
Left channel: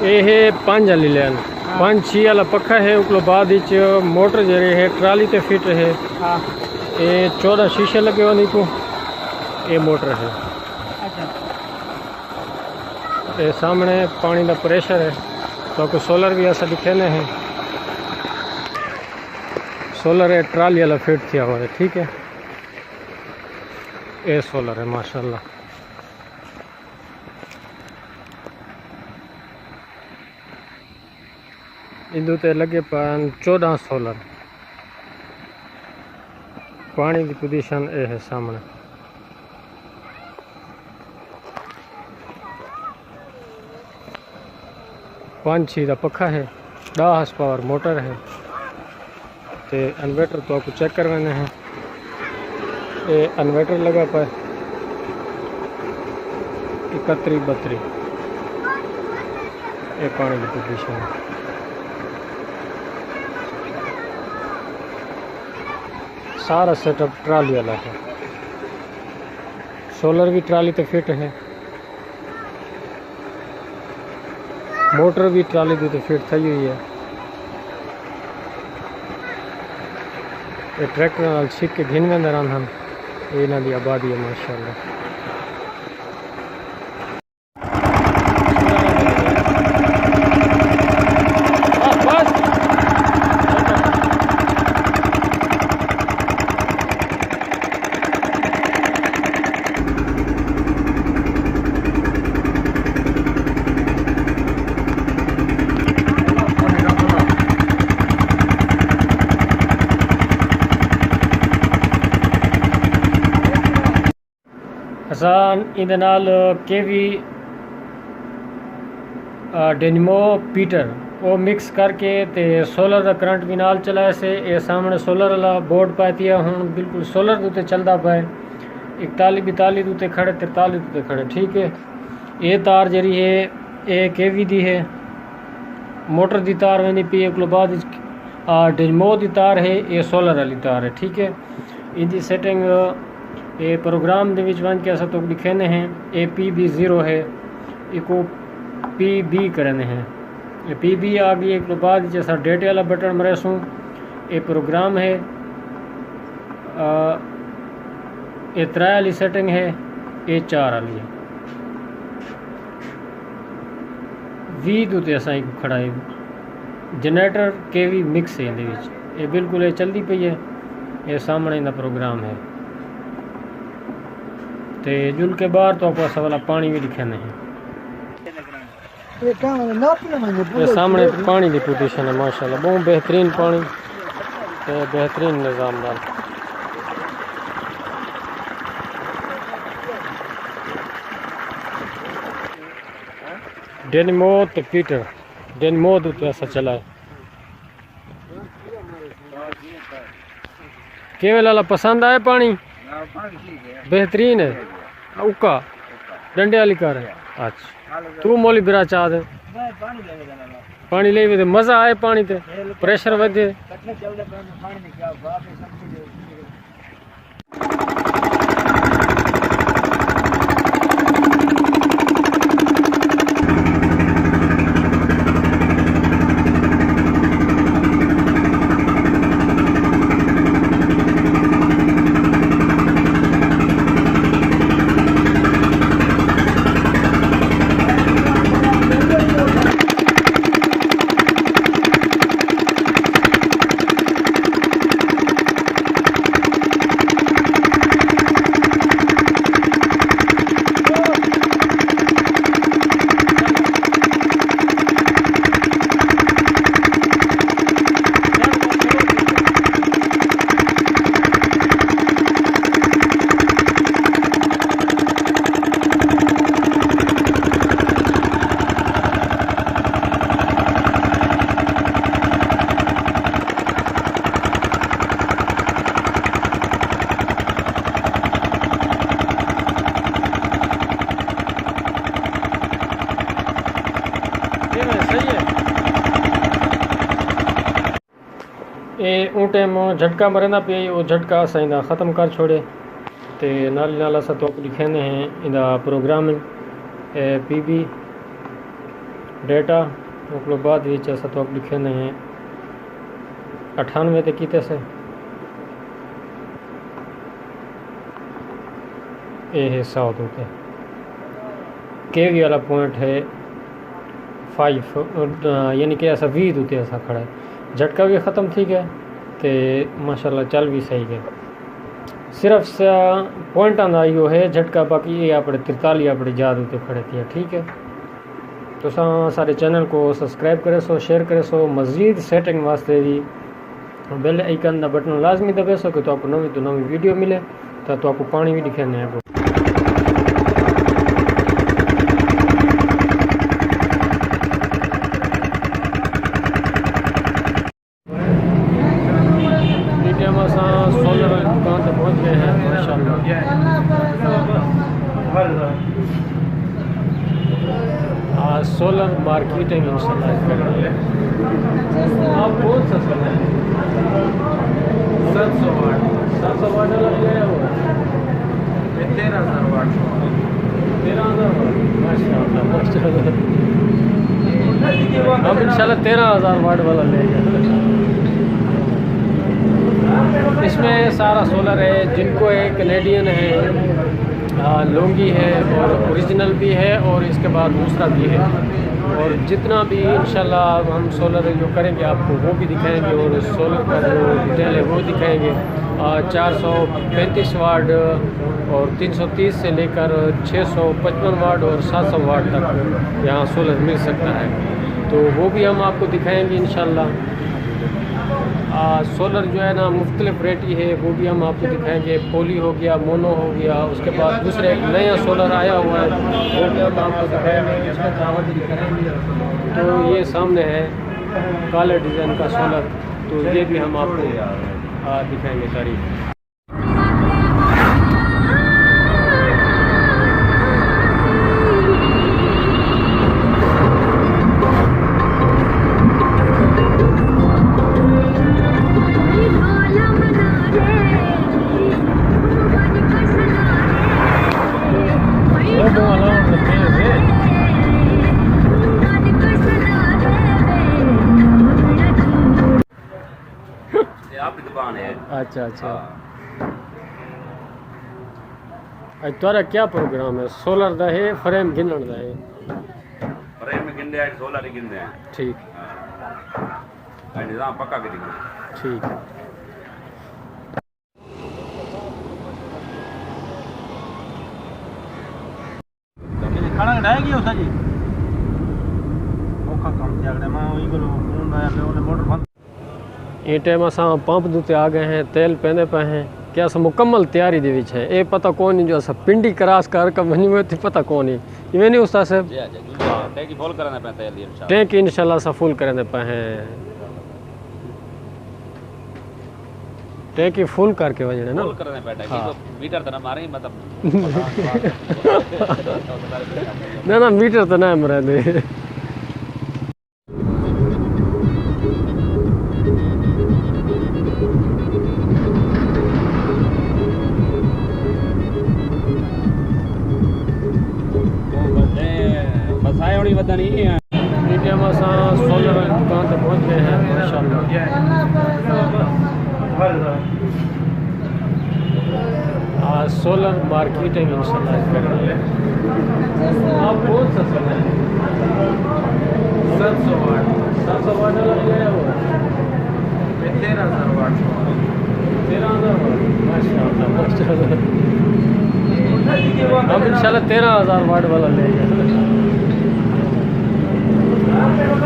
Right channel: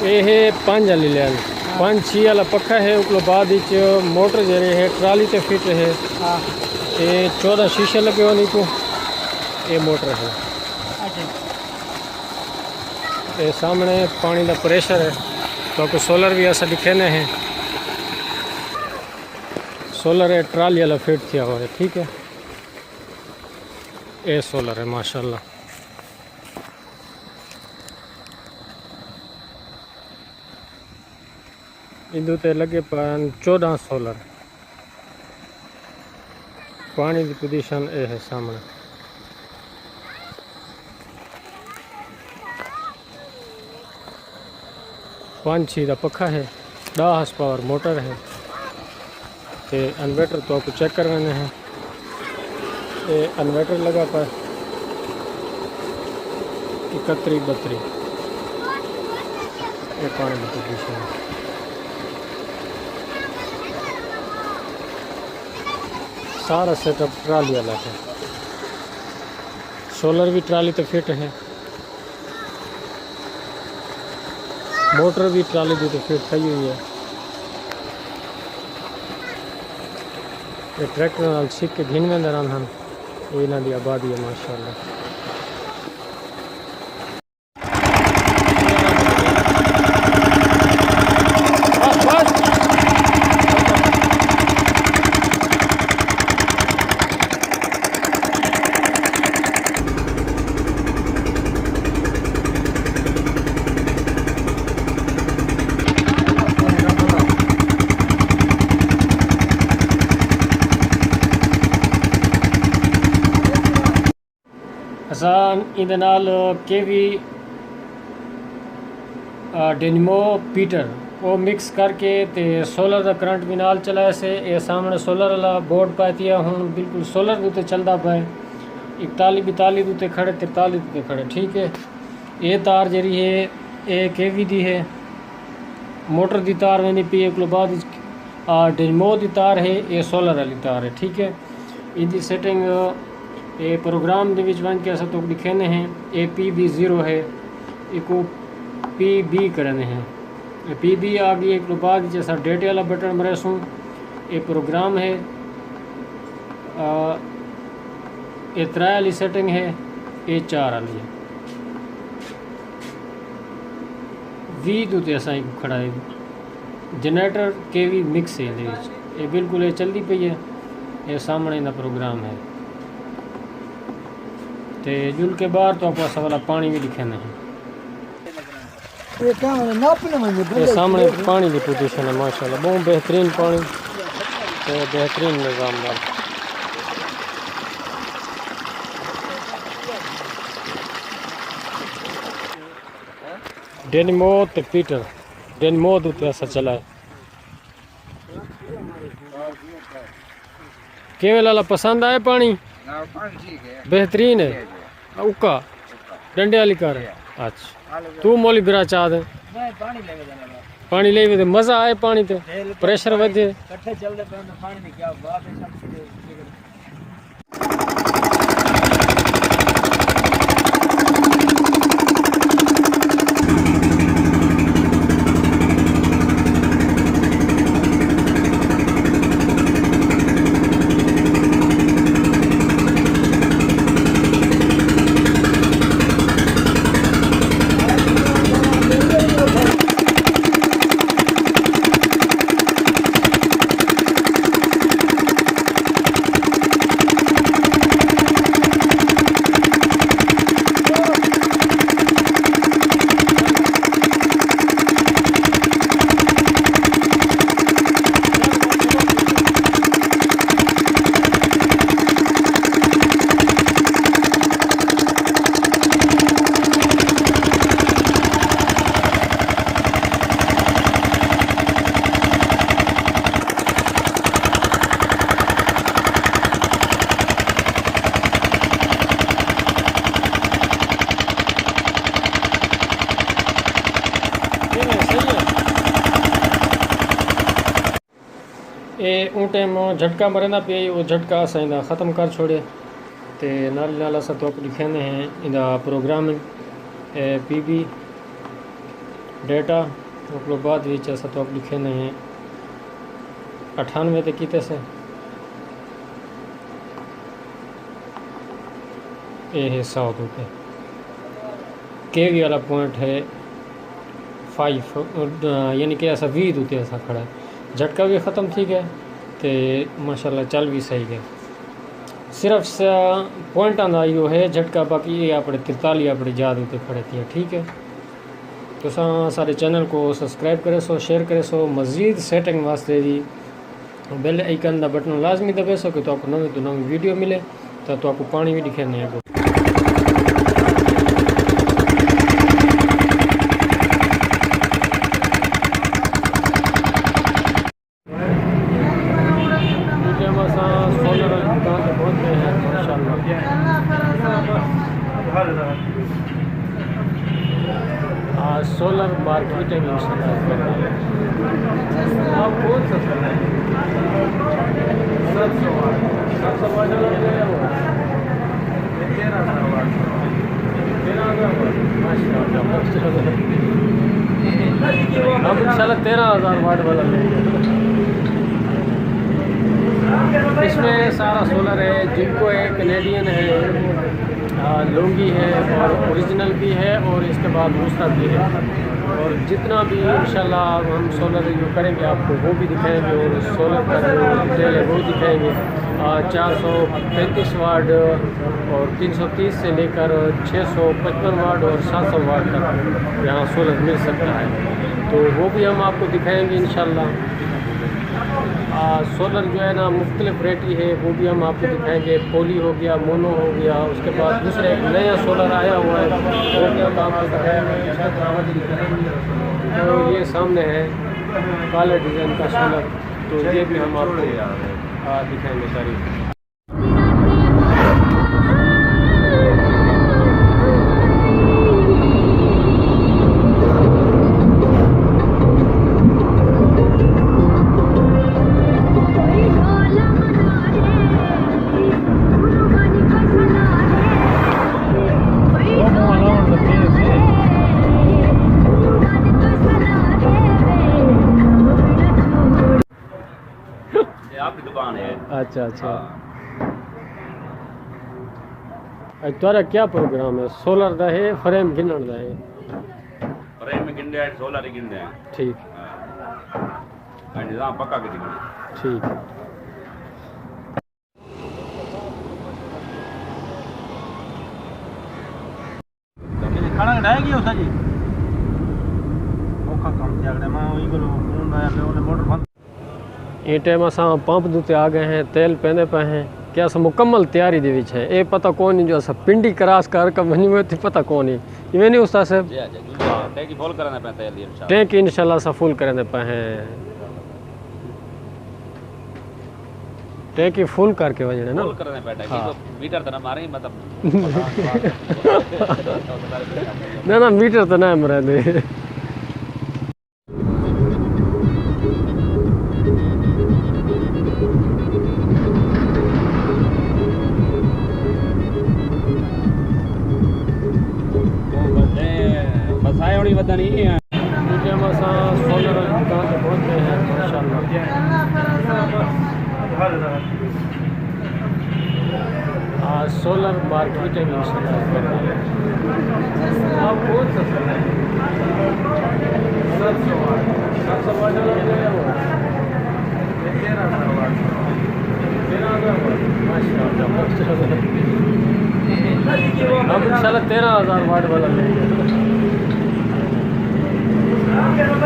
ये है 5 वाली लाइन, 5-6 वाला पक्का है। उसके बाद मोटर जरे है ट्राली ते फिट है। ये 14 शीशे लगे हो नीचे, ये मोटर है। ये सामने पानी का प्रेशर है, तो सोलर भी ऐसा दिखेने हैं। सोलर है ट्राली वाला फिट किया हुआ है, ठीक है। ये सोलर है माशाल्लाह। इंदू ते लगे पान 14 सोलर। पानी की पोजीशन ये है सामने। पाँच छः का पखा है, 10 हॉर्स पावर मोटर है। ते इन्वर्टर तो आपको चेक करवाने हैं। ये इन्वर्टर लगा पाए 31-32। ये पानी की पोजीशन है। सारा सेटअप ट्राली वाला है। सोलर भी ट्राली तो फिट है, मोटर भी ट्राली दी तो फिट थी हुई है। ये ट्रैक्टर नाल छिक के घिन में दरान हम, ये इन्हां दी आबादी है माशाल्लाह। असान इहदे नाल केवी डेनिमो पीटर वो मिक्स करके ते सोलर का करंट भी नाल चलाए से। ये सामने सोलर वाला बोर्ड पाती है, हुण बिल्कुल सोलर उत्ते चलता पाए। 41-42 उत्ते खड़े, 43 उत्ते खड़े, ठीक है। ये तार जरी है ये केवी दी है, मोटर दी तार वेंदी पई है। उसके बाद डेनिमो दी तार है, ये सोलर वाली तार है, ठीक है। इनकी सेटिंग ये प्रोग्राम दे विच वन के असा तो लिखेने हैं। ए PB0 है, इसको PB करने हैं। PB आ गई। एक बाद जैसा डेट वाला बटन मरेसूँ, ये प्रोग्राम है। ये 3 वाली सेटिंग है, ये 4 वाली है। वी दूते असा खड़ा है जनरेटर केवी मिक्स है। ये बिल्कुल ये चलती पई है। ये सामने इनका प्रोग्राम है। तो जुल के बाहर तो आपको वाला पानी भी लिखे हैं। ये काम नापने में ये सामने पानी की पोजीशन है माशाल्लाह, बहुत बेहतरीन पानी, तो बेहतरीन निज़ाम दार। डेनमोत पीटर डेनमोत उत्ते असा चला है। केवल वाला पसंद आए पानी? बेहतरीन है। उका डंडे वाली कार है। अच्छा तू मोली बिरा चाह दे पानी ले वे मजा आए पानी ते प्रेशर वधे। ये ऊँ टाइम झटका मरंदा पे वो झटका असां इंदा ख़त्म कर छोड़े ते नाल नाल असां तो लिखेंदे हैं इंदा प्रोग्रामिंग पीबी डेटा उसके बाद विच असां तो लिखेंदे हैं 98 ते कीते से ये है 100 पे केवी वाला पॉइंट है 5 यानी कि असा 20 उत्ते असा खड़ा है। झटका भी ख़त्म थी गया तो माशाल्लाह चल भी सही गए। सिर्फ पॉइंट आंदा यो है झटका, बाकी ये अपने 43 अपने याद उत्ते खड़े थे। ठीक है तो सारे चैनल को सब्सक्राइब करे सो, शेयर करे सो। मज़ीद सेटिंग वास्ते भी बेल आइकन का बटन लाजमी दबे सो कि तो आपको नवी तो नवी वीडियो मिले तो आपको पानी भी दिखे नया को। सोलर वाली दुकान तक पहुँच गए हैं माशाल्लाह। आज सोलर मार्केटिंग इंशाल्लाह कर रही है। आप कौन सा सोलर 700 वाट 700 वाट लग गया हो 13,000 वाट 13,000 वाट माशाल्लाह माशाल्लाह। हम इंशाल्लाह 13,000 वाट वाला लेंगे। इसमें सारा सोलर है, जिनको है कनेडियन है, लोंगी है और ओरिजिनल भी है और इसके बाद दूसरा भी है। और जितना भी इंशाल्लाह हम सोलर जो करेंगे आपको वो भी दिखाएंगे और सोलर का जो डिटेल है वो दिखाएंगे। 435 वाट और 330 से लेकर 655 वाट और 700 वाट तक यहाँ सोलर मिल सकता है, तो वो भी हम आपको दिखाएंगे इंशाल्लाह। सोलर जो है ना मुख्तलिफ वैरायटी है वो भी हम आपको दिखाएंगे। पोली हो गया, मोनो हो गया, उसके बाद दूसरे एक नया सोलर आया हुआ है वो भी हम आपको दिखाएंगे, उसका दावत भी करेंगे। तो ये सामने है काले डिज़ाइन का सोलर, तो ये भी हम आपको दिखाएंगे सारी। आपकी दुकान है। अच्छा अच्छा। आज तुम्हारा क्या प्रोग्राम है? सोलर दा है फ्रेम गिनण दा है? फ्रेम में गिनदे हैं, सोलर ही गिनदे हैं। ठीक निज़ाम पक्का के दिखो। ठीक। खाना डाएगी उसा जी ये टाइम असां पंप दुते आ गए हैं, तेल पहने पे हैं कि असां मुकम्मल तैयारी दे विच है। ये पता कौन जो असां पिंडी क्रॉस कर वनी हुए थी पता कौन ही इवें नहीं उस्ताद साहब टैंकी फुल करने पे तेल दी इंशाल्लाह। टैंक इंशाल्लाह असां फुल करने पे हैं, टैंकी फुल करके वजने ना फुल करने पे टैंकी तो मीटर तो ना मारे मतलब ना मीटर तो ना मरे दे। बसाए होनी वदनी है। मीडिया में असां सोलर दुकान पे पहुंच गए हैं माशाल्लाह। आज सोलर मार्केटिंग इंशाल्लाह कर रही है। आप कौन सा सोलर 700 वाट 700 वाट वाला दिया हुआ है 13,000 वाट 13,000 वाट माशाल्लाह माशाल्लाह। हम इंशाल्लाह 13,000 वाट वाला लेंगे।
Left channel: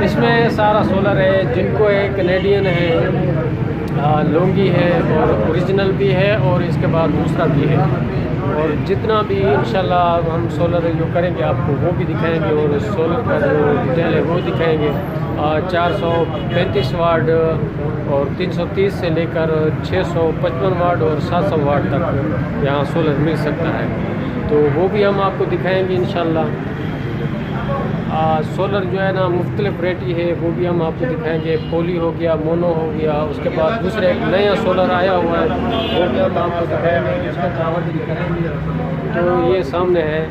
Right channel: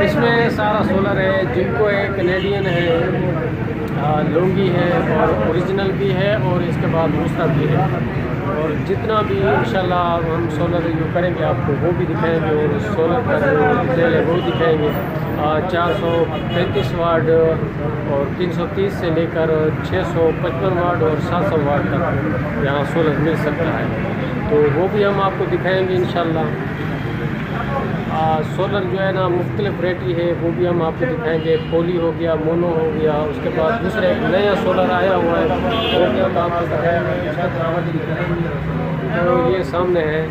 इसमें सारा सोलर है, जिनको है कनेडियन है, लोंगी है और ओरिजिनल भी है और इसके बाद दूसरा भी है। और जितना भी इंशाल्लाह हम सोलर जो करेंगे आपको वो भी दिखाएंगे और सोलर का जो डिटेल है वो दिखाएंगे। 435 वाट और 330 से लेकर 655 वाट और 700 वाट तक यहाँ सोलर मिल सकता है, तो वो भी हम आपको दिखाएंगे इंशाल्लाह। सोलर जो है ना मुख्तलिफ वैरायटी है, वो भी हम आपको दिखाएंगे। पोली हो गया, मोनो हो गया, उसके बाद दूसरा एक नया सोलर आया हुआ है वो भी हम आपको दिखाएंगे, उसका दावा भी दिखाएंगे। तो ये सामने है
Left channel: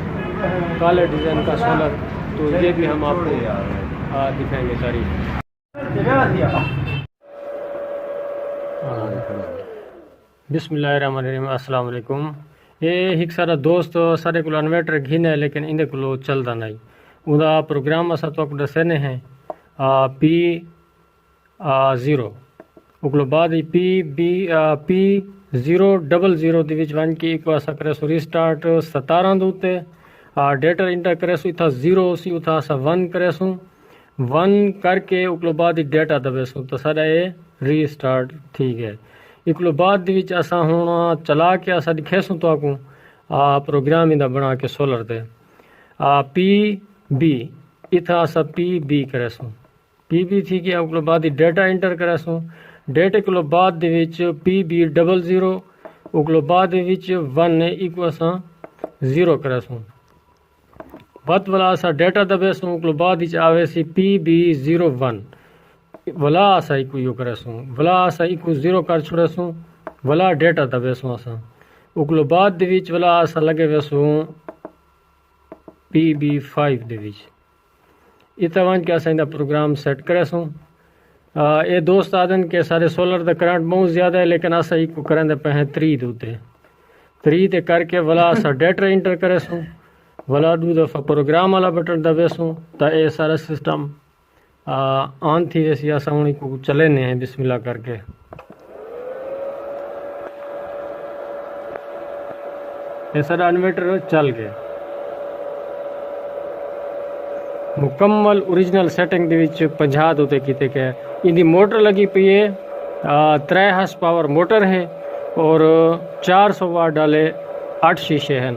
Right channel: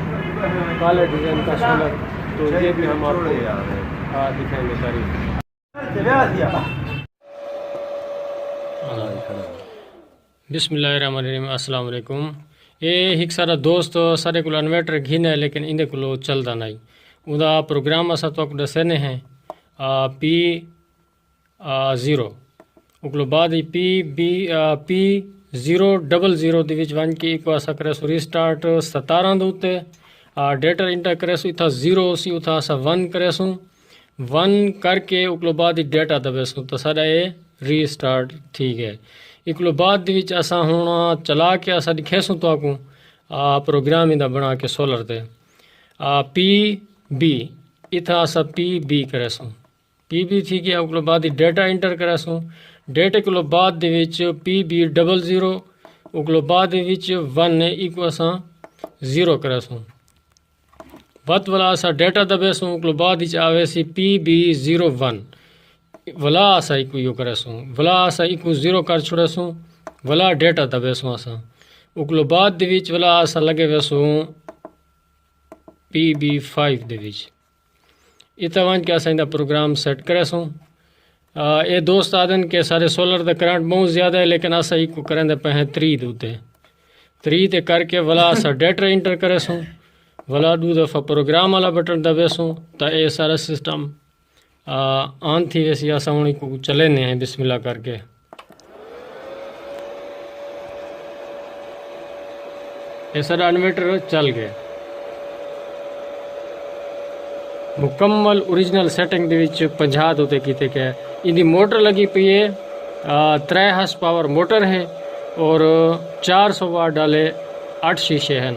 काले डिज़ाइन का सोलर, तो ये भी हम आपको दिखाएंगे सारी। बिस्मिल्लाहिर्रहमानिर्रहीम, अस्सलाम वालेकुम। ये एक सारा दोस्त सारे को इन्वर्टर घिन है लेकिन इन्हें को चलता नहीं उदा प्रोग्राम असां तो दसने हैं P0 उकलो बाद P000 ਦੇ ਵਿੱਚ वन की को असां करे सो रीस्टार्ट 17 ਦੇ ਉੱਤੇ डेटा इंटर करे सो इथा 0 सी उथा असां 1 करे सो 1 करके उकलो बाद ही डेटा दबे सो तो सारा ये रीस्टार्ट ठीक है। इकलो बाद ਦੇ ਵਿੱਚ असां हुण चला के असां दिखे सो तो आपको प्रोग्राम इंदा बना के सोलर ते PB इथा असां PB करे सो PB थी गया उकलो बाद ही डेटा इंटर करे सो डेटे को बाद दे विच PB00 उकलो बाद दे विच 1 इको असां 0 करे सो वत वाला असां डेटा दबे सो उकलो बाद विच आवे सी PB01 वला असां इको यो करे सो वला असां इको 0 कर छोड़े सो वला डेटा दबे सो असां उकलो बाद दे विच वला असां लगे वेसो PB5 दे विच इतना वन के असां प्रोग्राम सेट करे सो। ये दोस्त आदन के सारे सोलर का करंट बहुत ज़्यादा है लेकिन असां इको करेंदे पे हैं 3 उत्ते 3 ते करके वला असां डेटा इंटर करे सो वला 2 दफ़ा प्रोग्राम वाला बटन दबे सो तो ये सारा सिस्टम ऑन थी वैसी असां हुण को चलेने हैं बिस्मिल्लाह करके। ये सारा इन्वर्टर चल गए मुकम्मल ओरिजिनल सेटिंग दे विच 50 उत्ते कीते गए। इनकी मोटर लगी पई है 3 हॉर्स पावर मोटर है और 400 वाट डाले 8 शीशे हैं।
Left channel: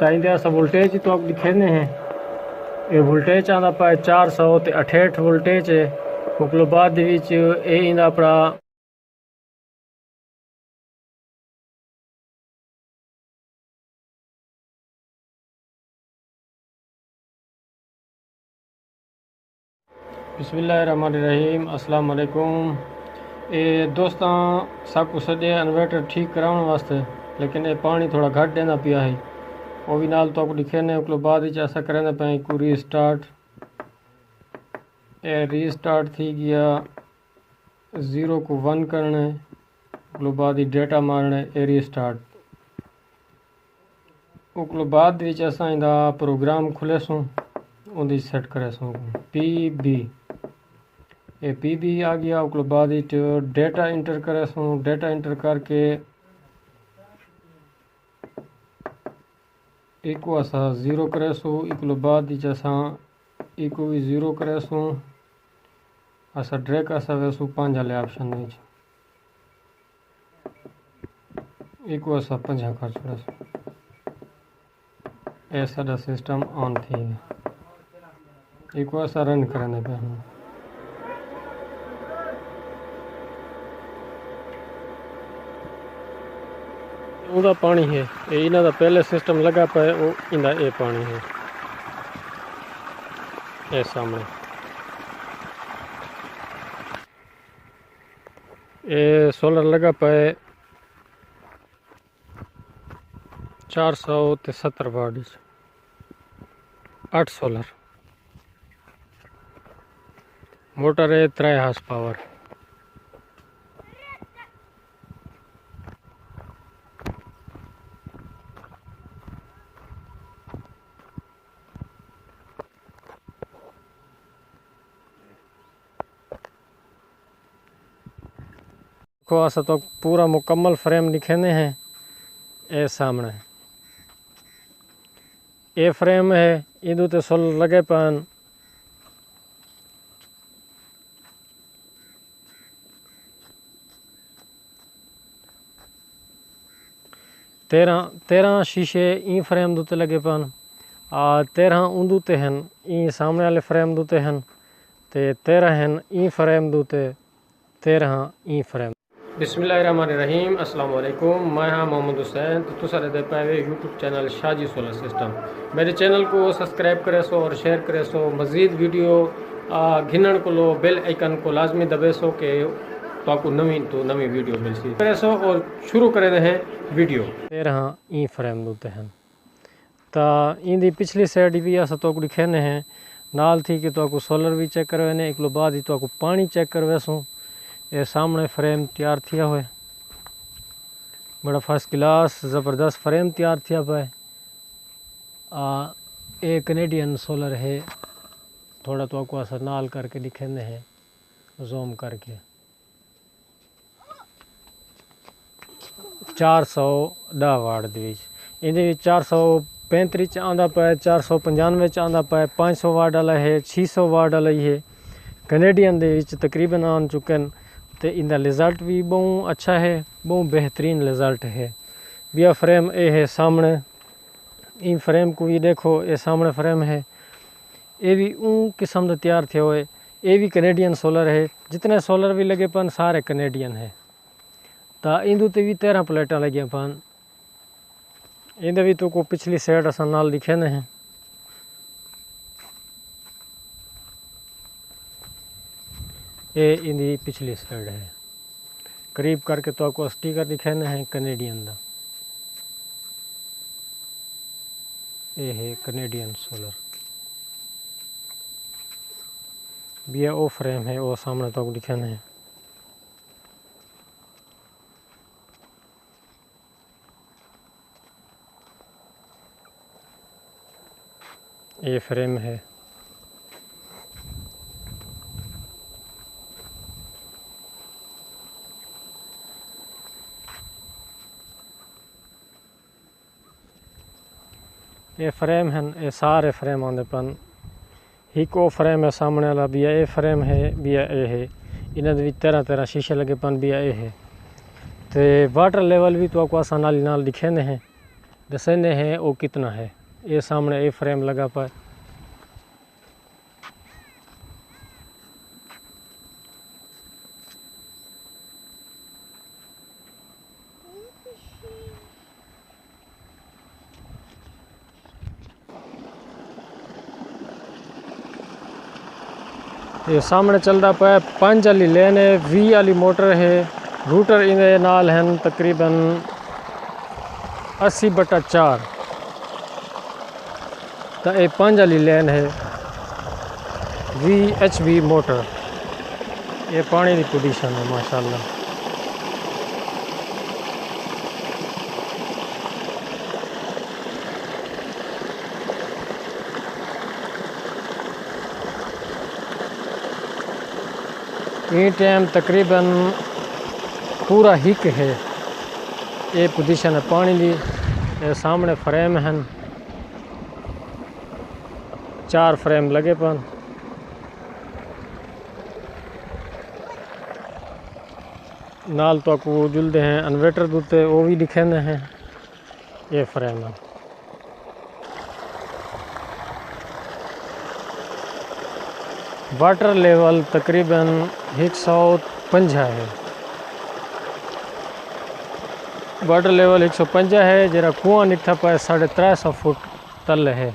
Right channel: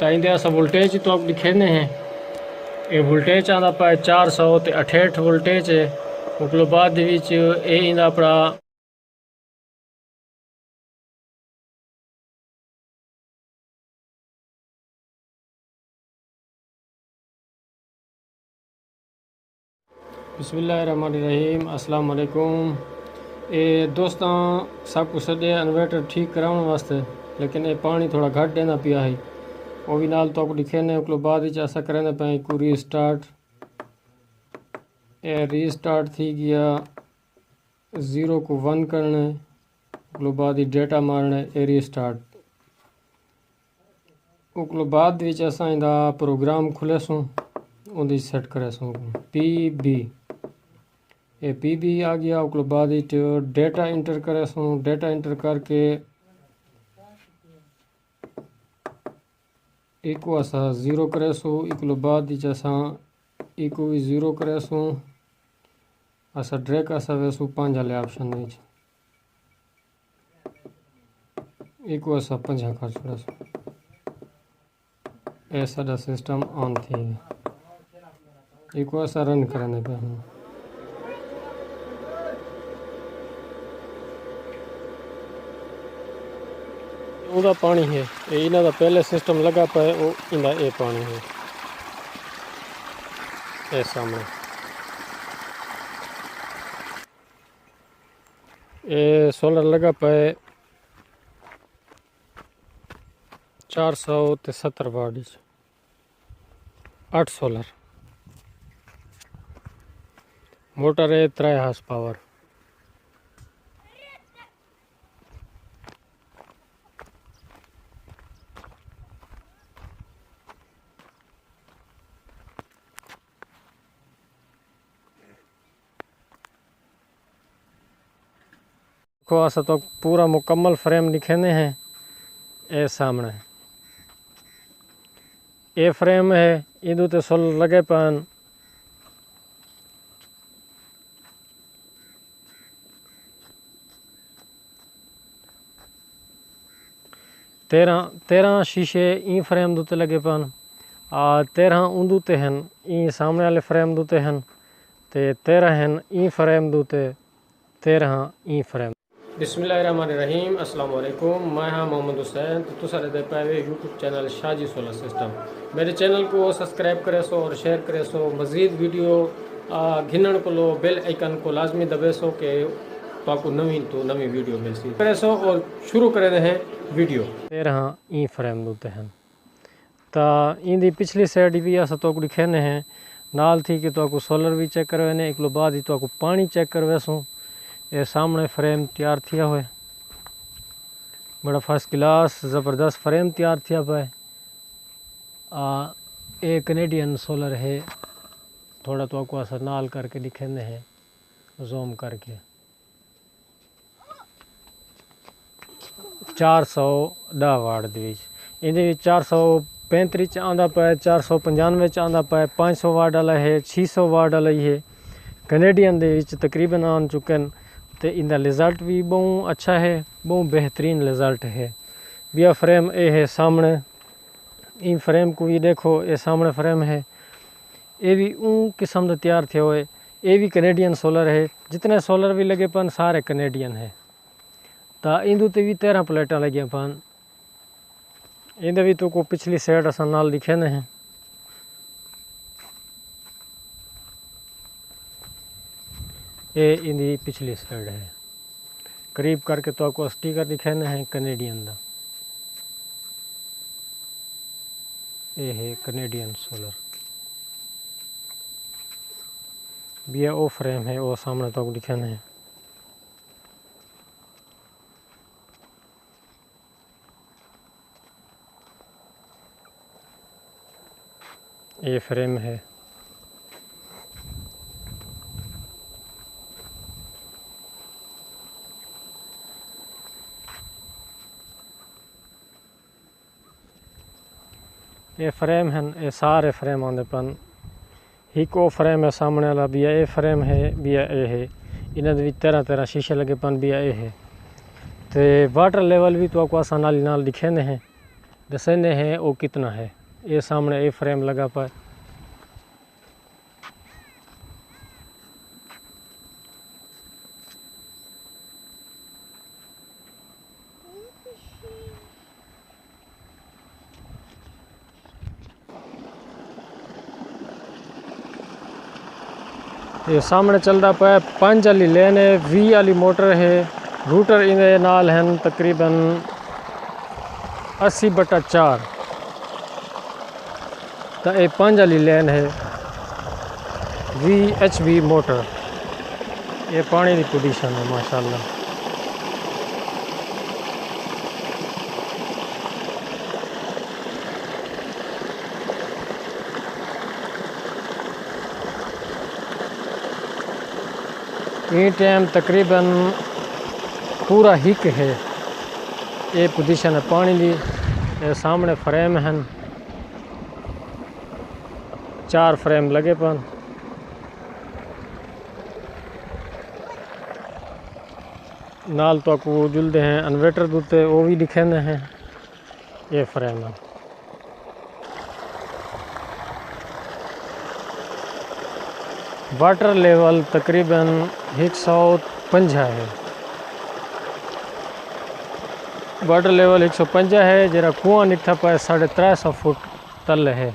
तो इनके अस वोल्टेज तो आप दिखेने हैं ये वोल्टेज आता पाए 400 ते 68 वोल्टेज है उकलो बाद दे विच ये इंदा अपना बिस्मिल्लाहिर्रहमानिर्रहीम अस्सलाम वालेकुम। ये दोस्तों सब कुछ सजे इन्वर्टर ठीक कराने वास्ते लेकिन ये पानी थोड़ा घट देना पिया है वो भी नाल तो आपको लिखे ने उकलो बाद ऐसा करें पे को रीस्टार्ट ये रीस्टार्ट थी गया 0 को 1 करना उकलो बाद ही डेटा मारना ये रीस्टार्ट उकलो बाद असां इंदा प्रोग्राम खुले सो उन्दी सेट करे सो PB ये PB आ गया उकलो बाद डेटा इंटर करे सो डेटा इंटर करके इको असां 0 करे सो इकलो बाद असां इको भी 0 करेसूँ असा ड्रैग असा वेसू 5 वाले ऑप्शन में इको असा 5 कर छोड़ेसूँ ऐसा सिस्टम ऑन थी इको असा रन करने पे हम उदा पानी है ये इना दा पहले सिस्टम लगा पाए वो इंदा ये पानी है ये सामने ये सोलर लगा पाए 470 वाट 8 सोलर मोटर है 3 हार्स पावर को ऐसा तो पूरा मुकम्मल फ्रेम लिखेने हैं ये सामने ये फ्रेम है इधर ते सोलर लगे पान तेरह शीशे ई फ्रेम दूते लगे पान 13 उंदूते हैं ई सामने वाले फ्रेम दूते हैं ते 13 हैं ई फ्रेम दूते 13 ई फ्रेम बिस्मिल्लाहिर्रहमानिर्रहीम अस्सलाम वालेकुम मैं हाँ मोहम्मद हुसैन तो तुसा दे पाए YouTube channel Shaji solar system मेरे चैनल को सब्सक्राइब करे सो और शेयर करे सो मज़ीद वीडियो घिनण को लो बेल आइकन को लाजमी दबे सो के तो आपको नवी वीडियो मिल सी करे सो और शुरू करे हैं वीडियो 13 ई फ्रेम दूते हैं तो इंदी पिछली साइड भी अस तो दिखेने हैं नाल थी कि तो आपको सोलर भी चेक करवाने एक बाद ही तो आपको पानी चेक करवेसूँ ये सामने फ्रेम तैयार थिया हुए बड़ा फर्स्ट क्लास ज़बरदस्त फ्रेम तैयार थिया पाए ये कनेडियन सोलर है थोड़ा तो आपको असर नाल करके दिखेंदे हैं जूम करके 410 वाट इन 435 आंदा पाए 495 आंदा पाए 500 वाट वाला है 600 वाट वाला ही है कनेडियन दे तकरीबन आन चुके हैं तो इनका रिज़ल्ट भी बहुत अच्छा है बहुत बेहतरीन रिज़ल्ट है बिया फ्रेम ये है सामने इन फ्रेम को भी देखो ये सामने फ्रेम है ये भी ऊँ किस्म का तैयार थे हुए ये भी कनेडियन सोलर है जितने सोलर भी लगे पन सारे कनेडियन है तो इंदू ते भी 13 प्लेटा लगे पन इंदे भी तो को पिछली साइड असा नाल लिखे ने हैं ये इंदी पिछली साइड है करीब करके तो आपको स्टिकर दिखाने हैं कनेडियन का ये है कनेडियन सोलर भी वो फ्रेम है वो सामने तो आपको दिखाने हैं ये फ्रेम है ये फ्रेम है ये सारे फ्रेम आते पन एक वो फ्रेम है सामने वाला भी ये फ्रेम है भी ये है इन्हें भी 13 शीशे लगे पन भी ये है तो वाटर लेवल भी तो आपको आसान नाल दिखे ने हैं दसेने हैं वो कितना है ये सामने ये फ्रेम लगा पाए ये सामने चलता पाए 5 वाली लेन है 20 वाली मोटर है रूटर इनके नाल हैं तकरीबन 80/4 तो ये 5 वाली लेन है 20 HP मोटर ये पानी की पोजीशन है माशाल्लाह ये टाइम तकरीबन पूरा हिक है ये पोजीशन है पानी की ये सामने फ्रेम हैं 4 फ्रेम लगे पन नाल तो को जुलते हैं इन्वर्टर दूते वो भी दिखे हैं। ये फ्रेम है वाटर लेवल तकरीबन 150 है। वाटर लेवल 150 है। जरा कुआं निकथा पाए 350 फुट तल है।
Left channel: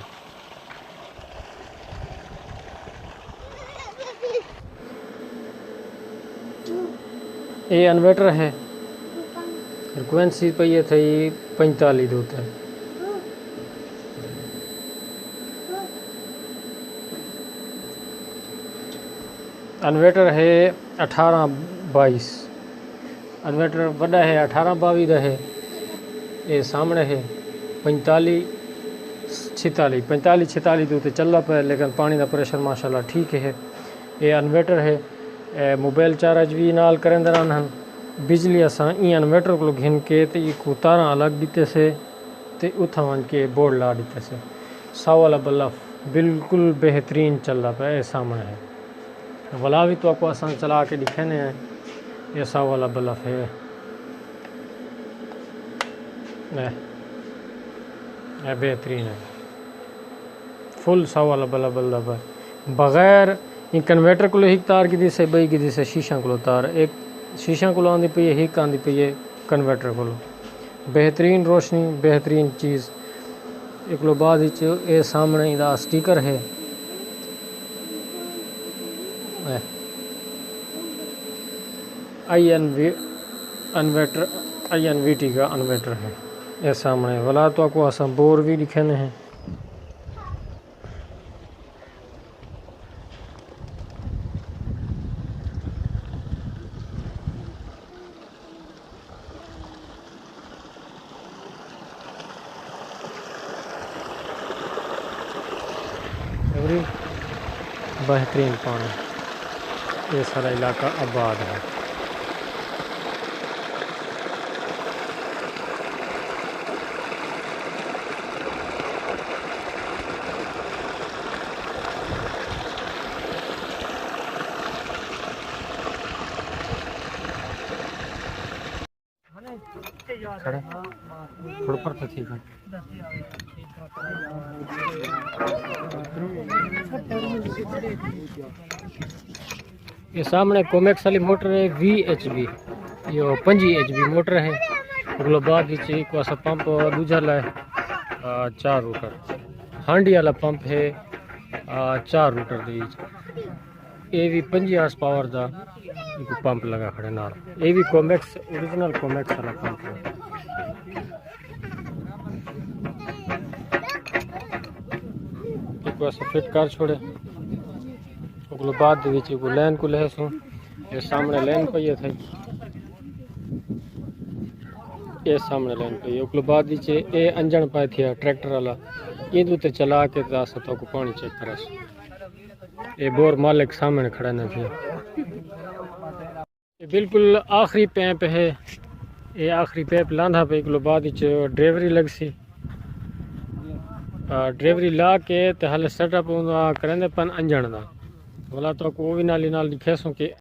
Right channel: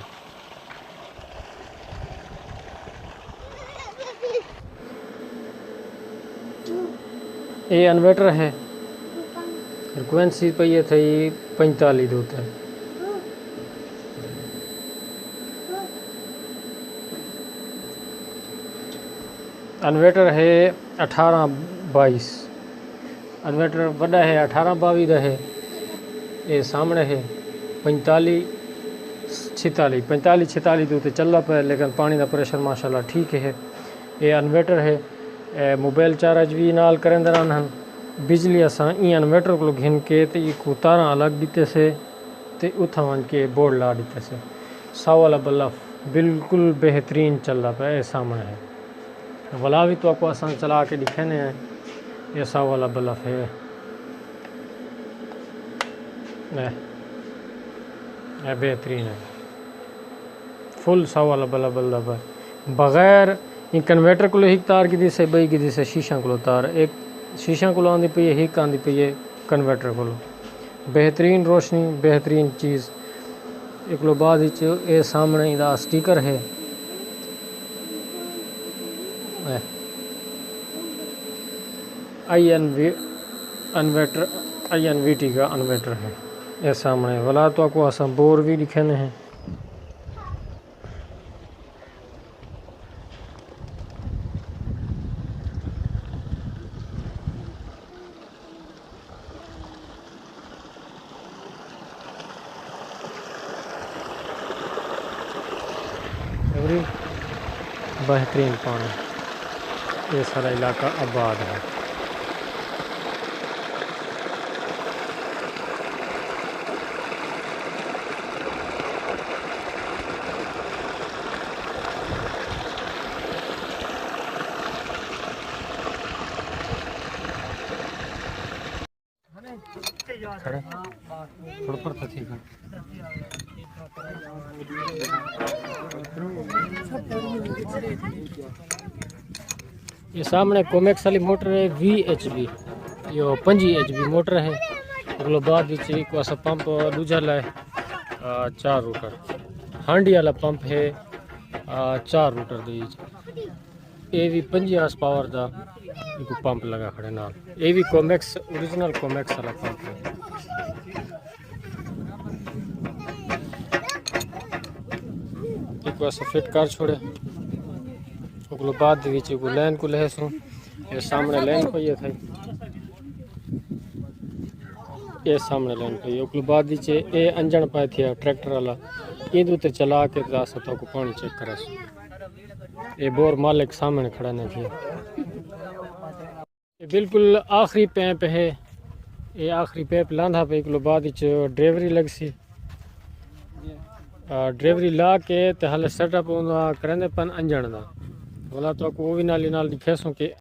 ये इन्वर्टर है। फ्रिक्वेंसी पे ये थी 45 दूत है। इन्वर्टर है 18-22। इन्वर्टर बड़ा है 18-22 है। ये सामने है 45-46 दूते चलना पे, लेकिन पानी का प्रेशर माशाल्लाह ठीक है। ये इन्वर्टर है। मोबाइल चार्ज भी नाल करें रहन। बिजली असा ई इन्वर्टर को घिन के तो ये को तारा अलग दीते से ते उथा वन के बोर्ड ला दीते से। 100 वाला बल्ब बिल्कुल बेहतरीन चल रहा पे। ये सामने है वाला भी तो आपको आसान चला के दिखाने हैं। ये 100 वाला बल्ब है। ये बेहतरीन है। फुल 100 वाला बल्ब है। बगैर इन कन्वर्टर को एक तार की दी से बई की दी से शीशा को तार एक शीशा को आँदी पई है, एक आँदी पई है कन्वर्टर को। बेहतरीन रोशनी बेहतरीन चीज़। एक लो बाद ये सामने इदा स्टिकर है। INVT का इन्वर्टर है। ये सामने वाला तो आपको आसान बोर भी दिखाने हैं। बेहतरीन पानी। ये सारा इलाका आबाद है। खड़े थोड़ा पर तो ठीक है। ये सामने कोमेक्स वाली मोटर है VHB। यो 5 HB मोटर है। अगलो बाद को ऐसा पंप दूजा लाए 4 रूटर। हांडी वाला पंप है 4 रूटर दे। ये भी 5 हार्स पावर का पंप लगा खड़े नाल। ये भी कोमेक्स ओरिजिनल कोमेक्स वाला पंप है। ऐसा फिट कर छोड़े। अगलो बाद को लाइन को लहसू। ये सामने लाइन पे ये थे। ये सामने लाइन पे अगलो बाद ये अंजन पाए थे ट्रैक्टर वाला। इन ते चला के तो को पानी चेक करे। ये बोर मालिक सामने खड़ा न थे। ये बिल्कुल आखिरी पैप है। ये आखिरी पैप लांधा पे अगलो बाद ड्राइवरी लग सी। ड्राइवरी ला के तो हाल सेटअप करेंगे पन अंजन का वाला तो को भी नाली नाल दिखेसों के